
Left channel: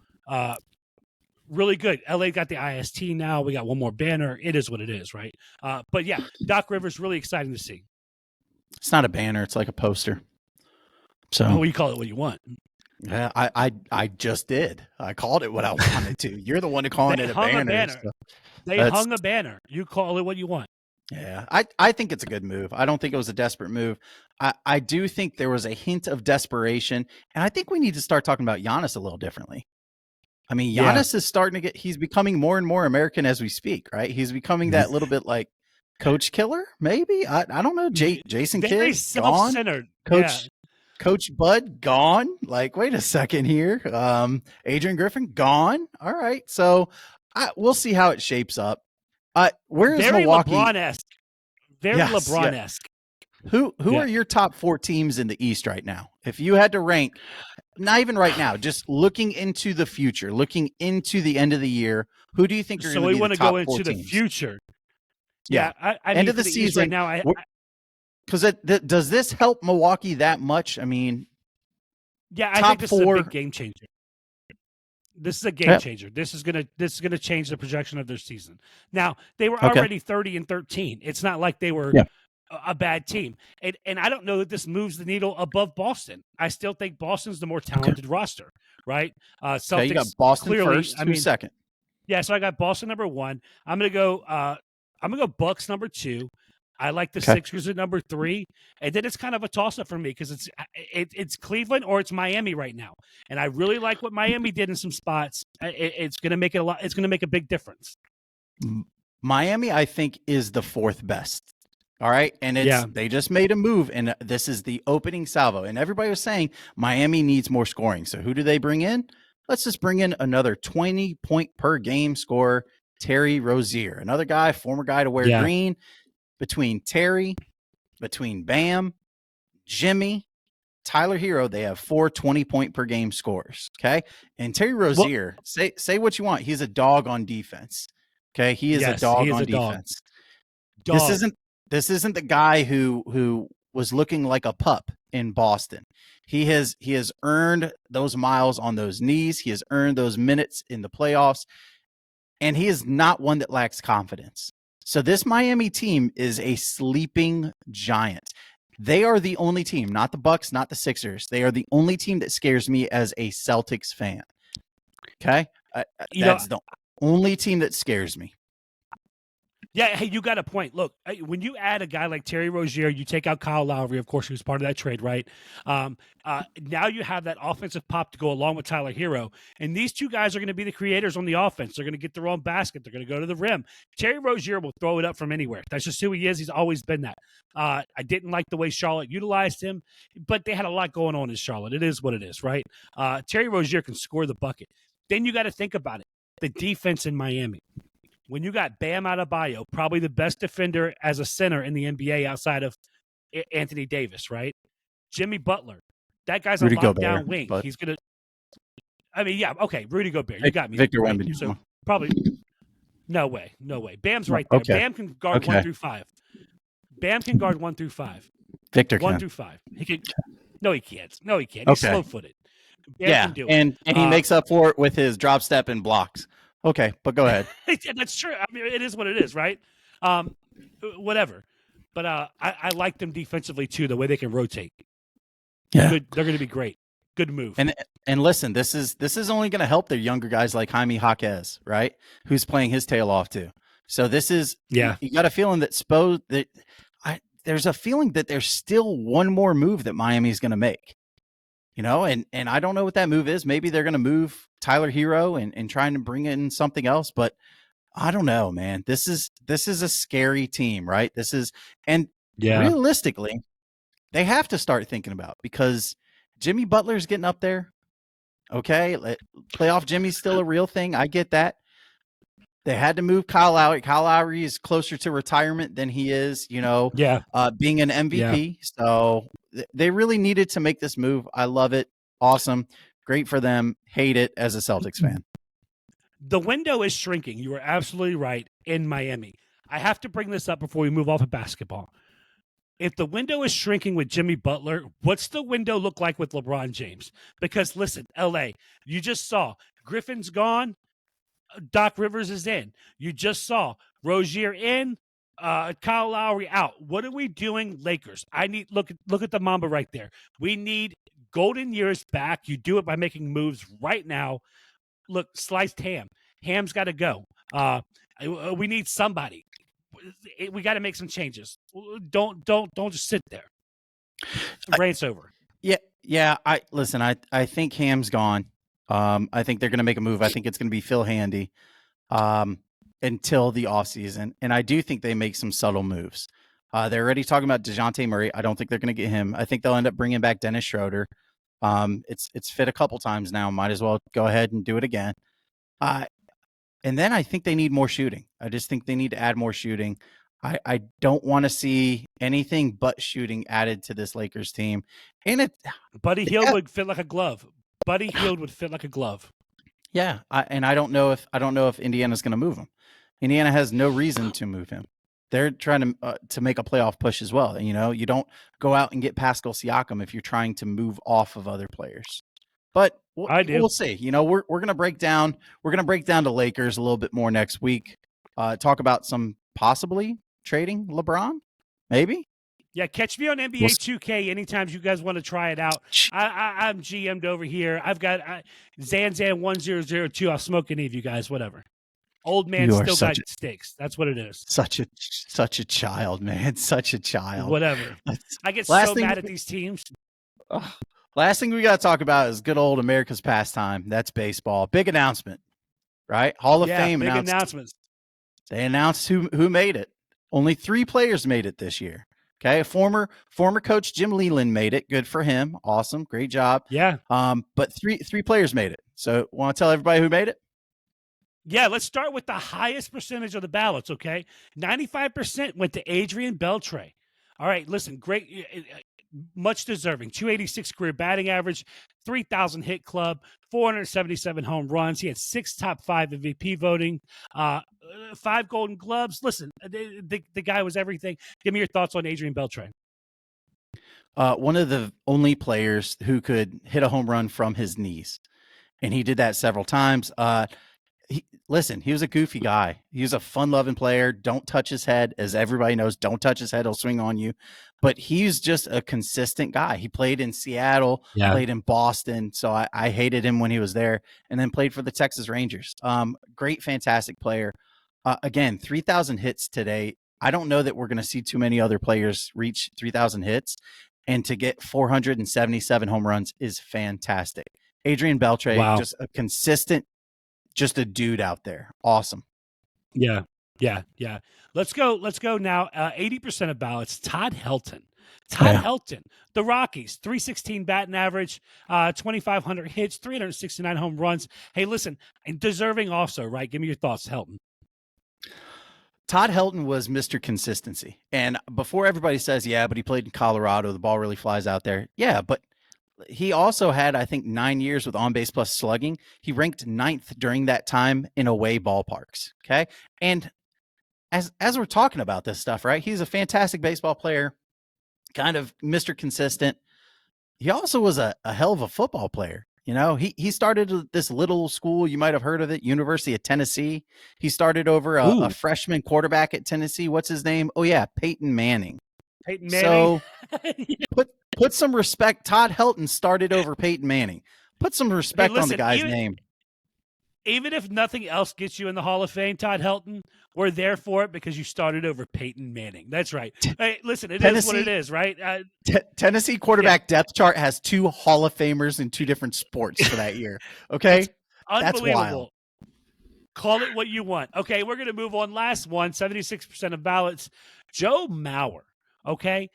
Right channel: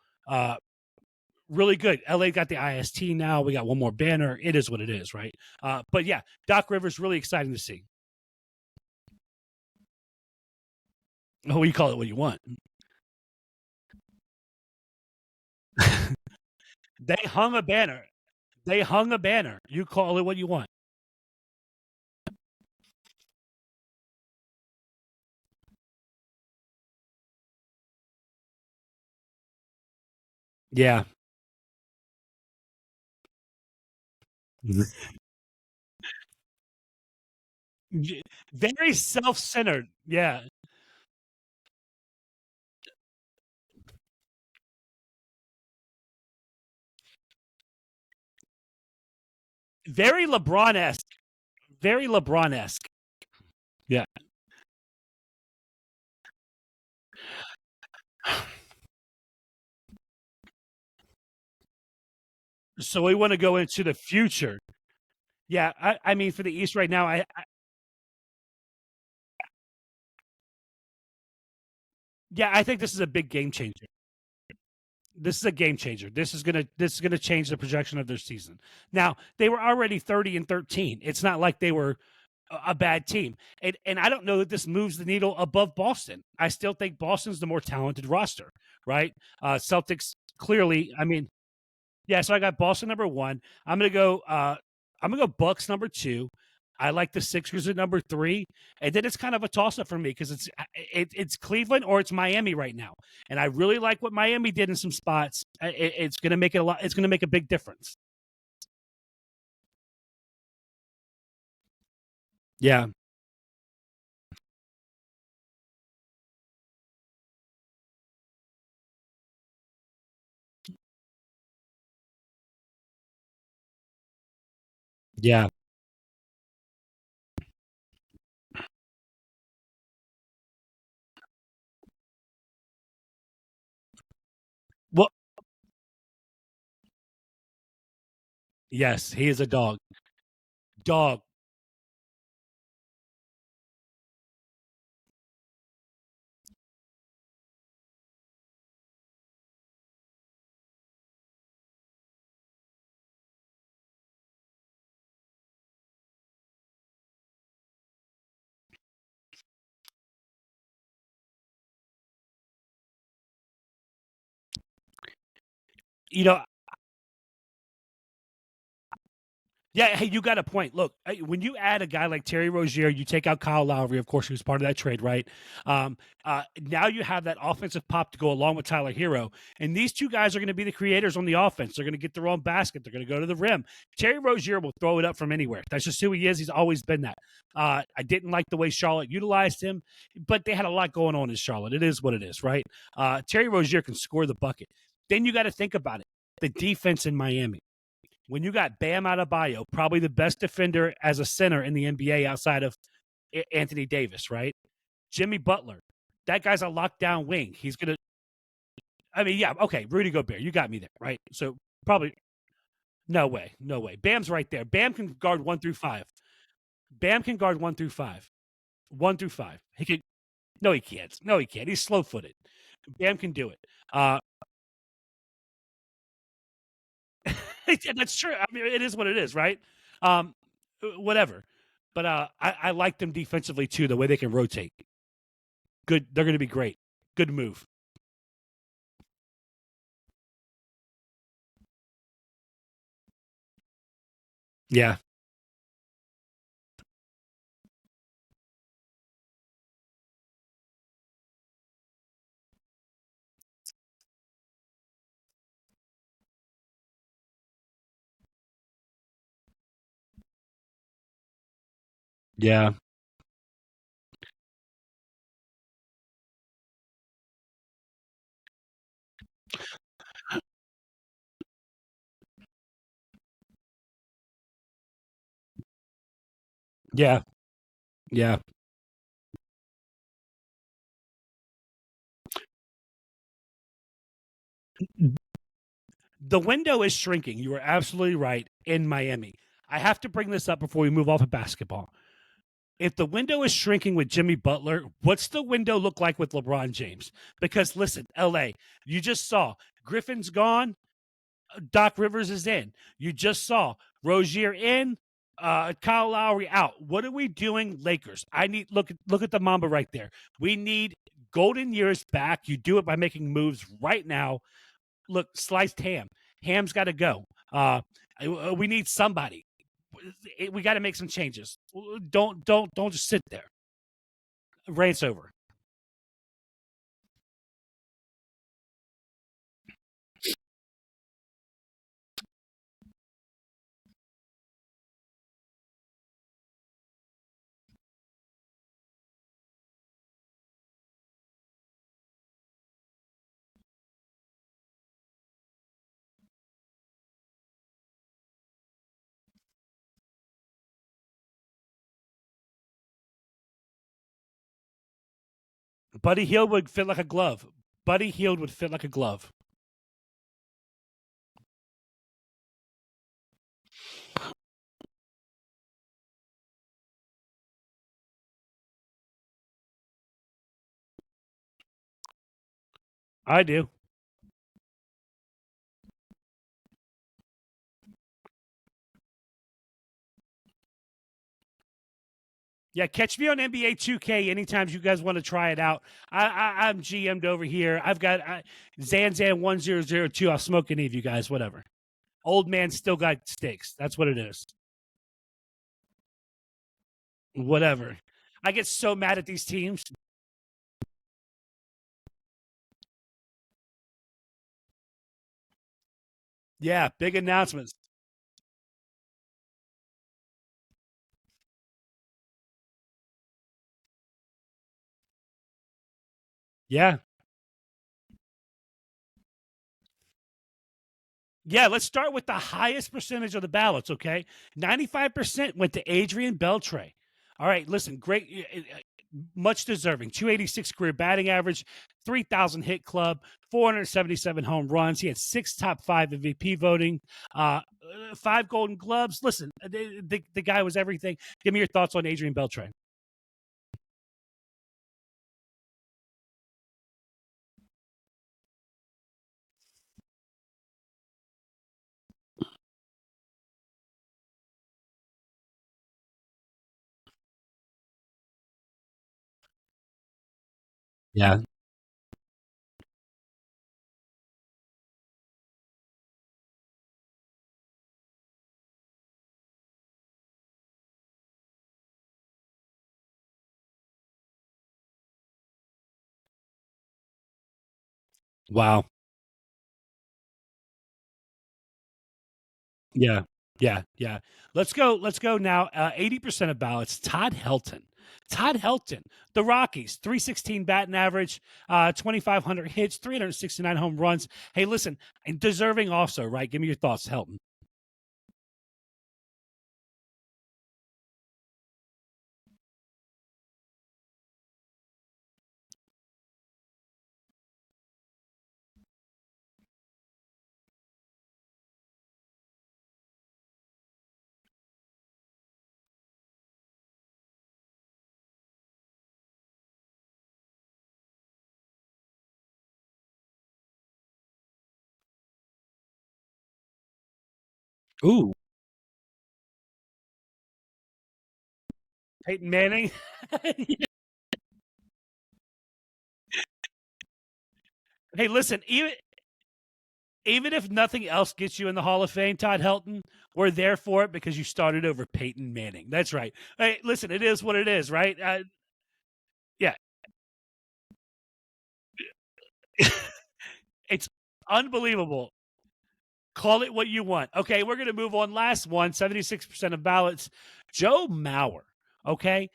really good. LA got the IST now. We got one more banner. It is what it is, right? But yeah, Doc Rivers, really exciting to see. It's not a banner. It's like a poster. So you call it what you want. Yeah, I just did. I called it what I wanted to. You're the one who called it a banner. They hung a banner. You call it what you want. Yeah, I think it's a good move. I don't think it was a desperate move. I do think there was a hint of desperation, and I think we need to start talking about Giannis a little differently. I mean, Giannis is starting to he's becoming more and more American as we speak, right? He's becoming that little bit like Coach Killer, maybe? I don't know. Jason Kidd, very self-centered. Coach Bud gone. Like, wait a second here. Adrian Griffin gone. All right, so we'll see how it shapes up. Where is very Milwaukee? LeBron-esque? Very LeBron-esque. Who are your top 4 teams in the East right now? If you had to rank, not even right now, just looking into the future, looking into the end of the year, who do you think? So we want to go into the future. Yeah, I mean, for the East right now, because does this help Milwaukee that much? I mean, I think this is a big game changer. This is a game changer. This is gonna change the projection of their season. Now they were already 30-13. It's not like they were a bad team, and I don't know that this moves the needle above Boston. I still think Boston's the more talented roster, right? Celtics you got Boston clearly. First, I mean, second. Yeah, so I got Boston number 1. I'm gonna go Bucks number 2. I like the Sixers at number 3, and then it's kind of a toss-up for me because it's Cleveland or it's Miami right now, and I really like what Miami did in some spots. It's going to make it a lot. It's going to make a big difference. Miami, I think, is the 4th best. All right, and they just made a move, and this is the opening salvo, and everybody was saying Miami needs more scoring. So who do they bring in? Let's just bring in another 20-point per game scorer, Terry Rozier, another guy, former guy to wear green. Between Terry, between Bam, Jimmy, Tyler Hero, they have 4 20-point per game scores. Okay. And Terry Rozier, say what you want. He's a dog on defense. Okay. He is a dog on defense. Dog. This isn't the guy who was looking like a pup in Boston. He has earned those miles on those knees. He has earned those minutes in the playoffs. And he is not one that lacks confidence. So this Miami team is a sleeping giant. They are the only team, not the Bucks, not the Sixers. They are the only team that scares me as a Celtics fan. Okay? That's the only team that scares me. Yeah, hey, you got a point. Look, when you add a guy like Terry Rozier, you take out Kyle Lowry, of course, who's part of that trade, right? Now you have that offensive pop to go along with Tyler Hero. And these two guys are going to be the creators on the offense. They're going to get their own basket. They're going to go to the rim. Terry Rozier will throw it up from anywhere. That's just who he is. He's always been that. I didn't like the way Charlotte utilized him, but they had a lot going on in Charlotte. It is what it is, right? Terry Rozier can score the bucket. Then you got to think about it. The defense in Miami. When you got Bam Adebayo, probably the best defender as a center in the NBA outside of Anthony Davis, right? Jimmy Butler, That guy's Rudy a lockdown Gobert, wing. but He's gonna. I mean, yeah, okay, Rudy Gobert. You got me. Victor Right? Wembanyama. So probably no way. Bam's right there. Okay. Bam can guard 1 through 5. Bam can guard 1 through 5. Victor 1 can. through 5. He can. No, he can't. He's Okay. slow-footed. Bam can do it, and he makes up for it with his drop step and blocks. Okay, but go ahead. That's true. I mean, it is what it is, right? Whatever. But I like them defensively too. The way they can rotate. Yeah, good. They're going to be great. Good move. And listen, this is only going to help their younger guys like Jaime Jaquez, right? Who's playing his tail off too. So this is You got a feeling that there's a feeling that there's still one more move that Miami's going to make. And I don't know what that move is. Maybe they're going to move Tyler Hero and trying to bring in something else, but I don't know, man. This is a scary team, right? Realistically, they have to start thinking about, because Jimmy Butler's getting up there. Okay, playoff Jimmy's still a real thing. I get that. They had to move Kyle Lowry. Kyle Lowry is closer to retirement than he is, being an MVP. Yeah. So they really needed to make this move. I love it. Awesome. Great for them. Hate it as a Celtics fan. The window is shrinking. You are absolutely right in Miami. I have to bring this up before we move off of basketball. If the window is shrinking with Jimmy Butler, what's the window look like with LeBron James? Because listen, LA, you just saw Griffin's gone. Doc Rivers is in. You just saw Rozier in, Kyle Lowry out. What are we doing, Lakers? I need look at the Mamba right there. We need golden years back. You do it by making moves right now. Look, sliced ham. Ham's got to go. We need somebody. We got to make some changes. Don't just sit there. Rant's over. Yeah. I think Ham's gone. I think they're going to make a move. I think it's going to be Phil Handy until the offseason. And I do think they make some subtle moves. They're already talking about DeJounte Murray. I don't think they're going to get him. I think they'll end up bringing back Dennis Schroeder. It's fit a couple times now. Might as well go ahead and do it again. And then I think they need more shooting. I just think they need to add more shooting. I don't want to see anything but shooting added to this Lakers team. And Buddy Hield would fit like a glove. Buddy Hield would fit like a glove. Yeah, I don't know if Indiana's going to move him. Indiana has no reason to move him. They're trying to make a playoff push as well. You don't go out and get Pascal Siakam if you're trying to move off of other players. But we'll see. We're going to break down. We're going to break down the Lakers a little bit more next week. Talk about some possibly trading LeBron, maybe. Yeah, catch me on NBA 2K anytime you guys want to try it out. I'm GM'd over here. I've got Zanzan1002. I'll smoke any of you guys, whatever. Old man still got stakes. That's what it is. Such a child, man. Such a child. Whatever. I get so mad at these teams. Last thing we got to talk about is good old America's pastime. That's baseball. Big announcement, right? Hall of Fame. Big announcements. They announced who made it. Only 3 players made it this year. Okay, former coach Jim Leland made it. Good for him. Awesome, great job. Yeah. But three players made it. So, want to tell everybody who made it? Yeah, let's start with the highest percentage of the ballots. Okay, 95% went to Adrian Beltre. All right, listen, great, much deserving. 286 career batting average, 3,000 hit club, 477 home runs. He had 6 top 5 MVP voting, 5 Golden Gloves. Listen, the guy was everything. Give me your thoughts on Adrian Beltre. One of the only players who could hit a home run from his knees, and he did that several times. He was a goofy guy. He was a fun-loving player. Don't touch his head. As everybody knows, don't touch his head. He'll swing on you. But he's just a consistent guy. He played in Seattle, played in Boston. So I hated him when he was there, and then played for the Texas Rangers. Great, fantastic player. Again, 3,000 hits today. I don't know that we're going to see too many other players reach 3,000 hits. And to get 477 home runs is fantastic. Adrian Beltre, just a consistent, just a dude out there. Awesome. Yeah. Let's go now. 80% of ballots. Todd Helton. Helton. The Rockies. 316 batting average. 2,500 hits. 369 home runs. Hey, listen, deserving also, right? Give me your thoughts, Helton. Todd Helton was Mr. Consistency. And before everybody says, but he played in Colorado, the ball really flies out there. Yeah, but he also had, I think, 9 years with on-base plus slugging. He ranked 9th during that time in away ballparks. Okay. And as we're talking about this stuff, right? He's a fantastic baseball player, kind of Mr. Consistent. He also was a hell of a football player. He started this little school. You might have heard of it, University of Tennessee. He started over a freshman quarterback at Tennessee. What's his name? Oh, yeah, Peyton Manning. Peyton Manning. So put some respect. Todd Helton started over Peyton Manning. Put some respect on the guy's name. Even if nothing else gets you in the Hall of Fame, Todd Helton, we're there for it because you started over Peyton Manning. That's right. Hey, listen, Tennessee, is what it is, right? Tennessee quarterback depth chart has 2 Hall of Famers in 2 different sports for that year. Okay? It's unbelievable. Call it what you want. Okay, we're going to move on. Last one, 76% of ballots. Joe Mauer, okay?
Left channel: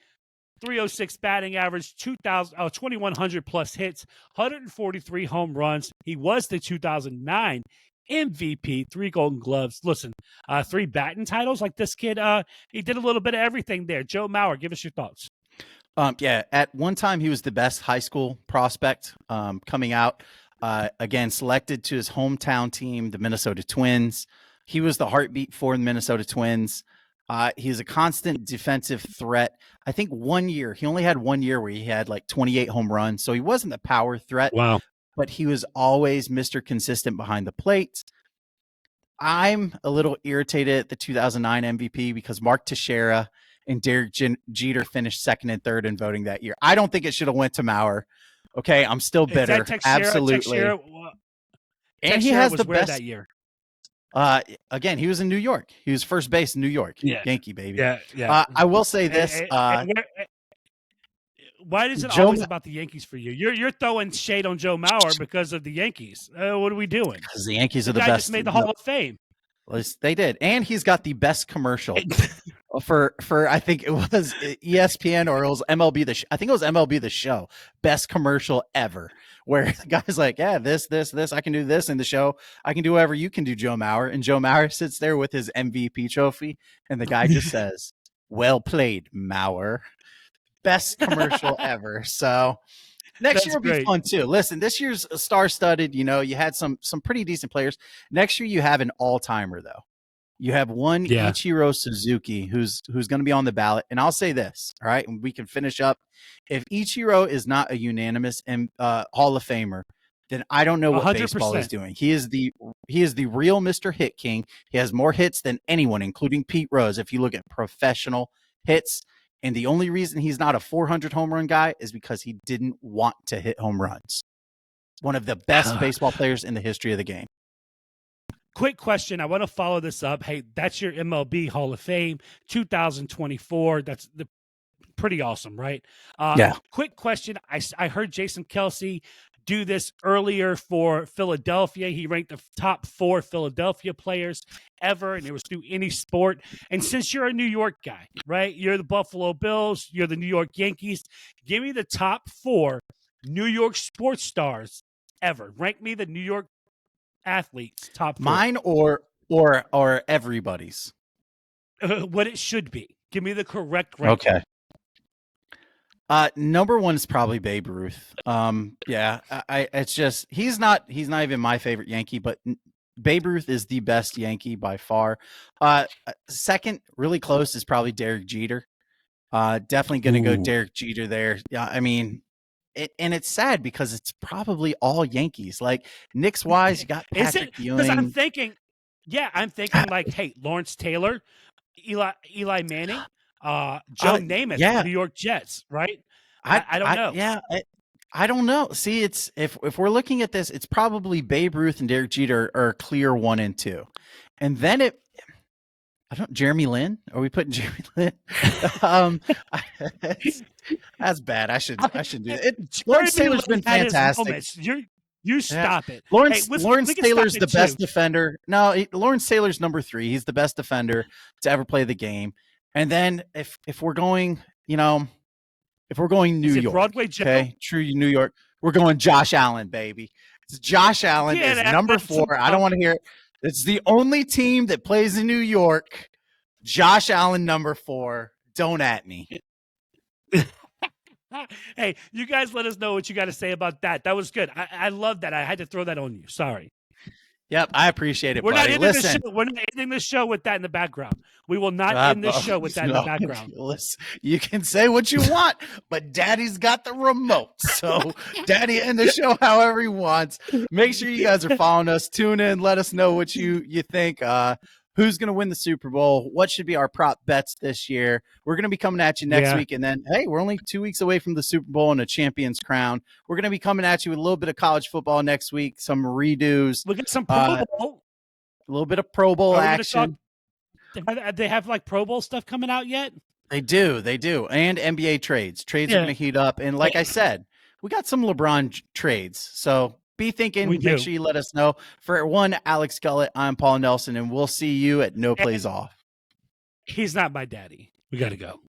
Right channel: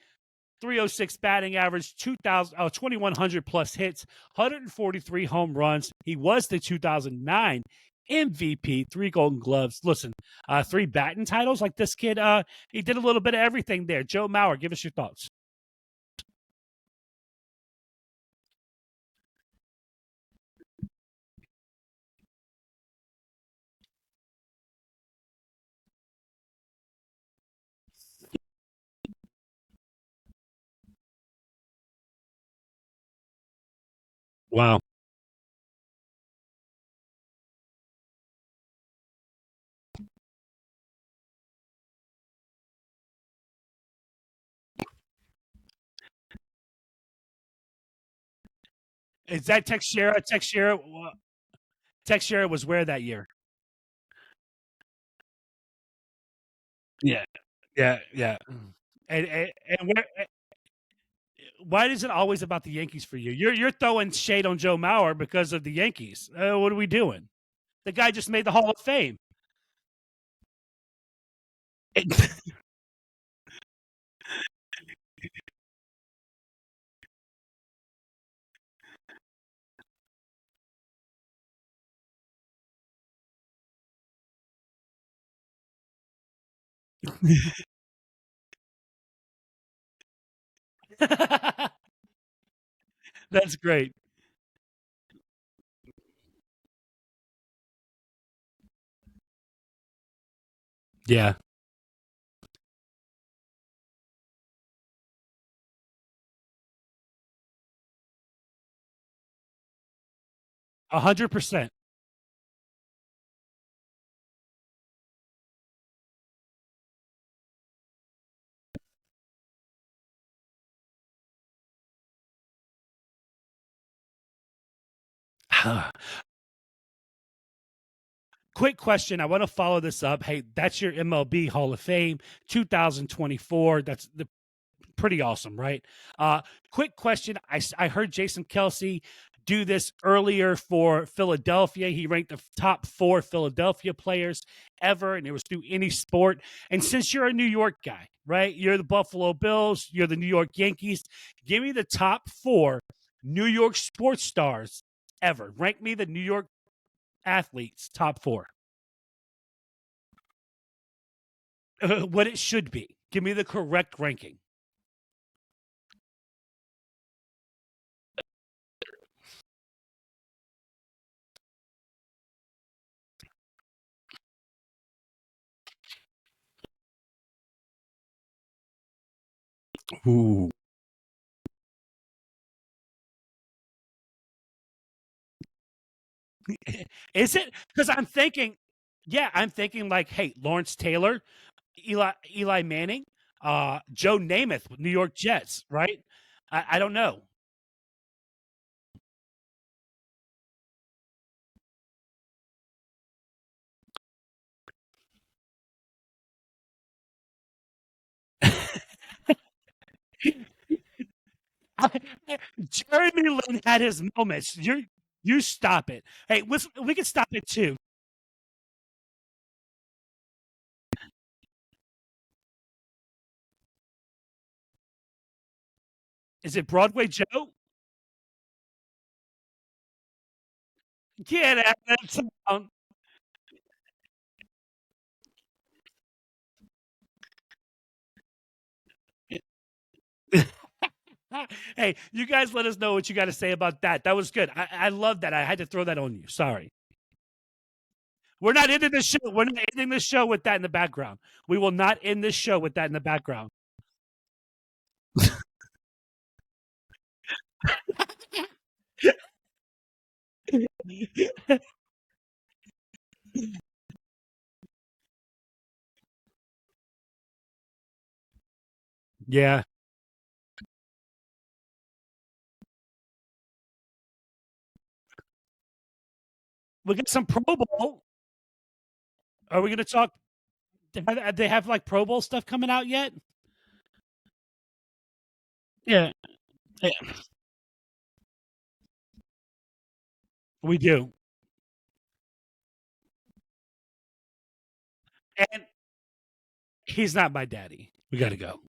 306 batting average, 2,100 plus hits, 143 home runs. He was the 2009 MVP, 3 Golden Gloves. Listen, 3 batting titles. Like this kid, he did a little bit of everything there. Joe Mauer, give us your thoughts. Yeah, at one time he was the best high school prospect coming out. Again, selected to his hometown team, the Minnesota Twins. He was the heartbeat for the Minnesota Twins. He's a constant defensive threat. I think he only had 1 year where he had like 28 home runs. So he wasn't the power threat. Wow. But he was always Mr. Consistent behind the plate. I'm a little irritated at the 2009 MVP because Mark Teixeira and Derek Jeter finished 2nd and 3rd in voting that year. I don't think it should have went to Mauer. Okay, I'm still bitter. Is that Teixeira? Absolutely. Teixeira was where that year? Again, he was in New York. He was first base in New York. Yeah. Yankee, baby. Yeah. I will say this. Why is it always about the Yankees for you? You're throwing shade on Joe Mauer because of the Yankees. What are we doing? Because the Yankees are the best. guy just made the Hall of Fame. They did. And he's got the best commercial for I think it was ESPN or it was MLB I think it was MLB The Show. Best commercial ever. Where the guy's like, yeah, this, I can do this in the show. I can do whatever you can do, Joe Mauer. And Joe Mauer sits there with his MVP trophy. And the guy just says, well played, Mauer. Best commercial ever. So next year will be fun too. Listen, this year's star-studded. You had some pretty decent players. Next year you have an all-timer though. You have one Ichiro Suzuki who's going to be on the ballot. And I'll say this, all right, and we can finish up. If Ichiro is not a unanimous Hall of Famer, then I don't know what 100%. Baseball is doing. He is the real Mr. Hit King. He has more hits than anyone, including Pete Rose, if you look at professional hits. And the only reason he's not a 400 home run guy is because he didn't want to hit home runs. One of the best baseball players in the history of the game. Quick question. I want to follow this up. Hey, that's your MLB Hall of Fame 2024. That's pretty awesome, right? Yeah. Quick question. I heard Jason Kelce do this earlier for Philadelphia. He ranked the top 4 Philadelphia players ever, and it was through any sport. And since you're a New York guy, right? You're the Buffalo Bills. You're the New York Yankees. Give me the top 4 New York sports stars ever. Rank me the New York athletes top 4. Mine or everybody's. What it should be. Give me the correct ranking. Okay. Number 1 is probably Babe Ruth. It's just he's not even my favorite Yankee, but Babe Ruth is the best Yankee by far. Second, really close, is probably Derek Jeter. Definitely going to go Derek Jeter there. Yeah, I mean, it's sad because it's probably all Yankees. Like Knicks wise, you got Patrick Is it? Because I'm thinking like, hey, Lawrence Taylor, Eli Manning. Joe Namath, New York Jets, right? I don't know. I don't know. See, it's if we're looking at this, it's probably Babe Ruth and Derek Jeter are clear 1 and 2, and then Jeremy Lin. Are we putting Jeremy Lin? That's bad. I should do it. Lawrence Taylor's been fantastic. You stop it. Lawrence Taylor's the best defender. No, Lawrence Taylor's number 3. He's the best defender to ever play the game. And then if we're going, New York, Broadway Joe? Okay, true New York, we're going Josh Allen, baby. It's Josh Allen is number 4. I don't want to hear it. It's the only team that plays in New York. Josh Allen, number 4. Don't at me. Hey, you guys let us know what you got to say about that. That was good. I love that. I had to throw that on you. Sorry. Yep, I appreciate it. We're buddy. not ending the show. We're not ending the show with that in the background. We will not end this show with that in the background. Listen, you can say what you want, but Daddy's got the remote. So Daddy end the show however he wants. Make sure you guys are following us. Tune in. Let us know what you think. Who's going to win the Super Bowl? What should be our prop bets this year? We're going to be coming at you next week. And then, hey, we're only 2 weeks away from the Super Bowl and a champion's crown. We're going to be coming at you with a little bit of college football next week, some redos. Look at some Pro Bowl. A little bit of Pro Bowl Are we action. They have like Pro Bowl stuff coming out yet? They do. And NBA trades. Trades are going to heat up. And like I said, we got some LeBron trades. So be thinking. Make sure you let us know. For one, Alex Gullett, I'm Paul Nelson, and we'll see you at No Plays Off. He's not my daddy. We got to go.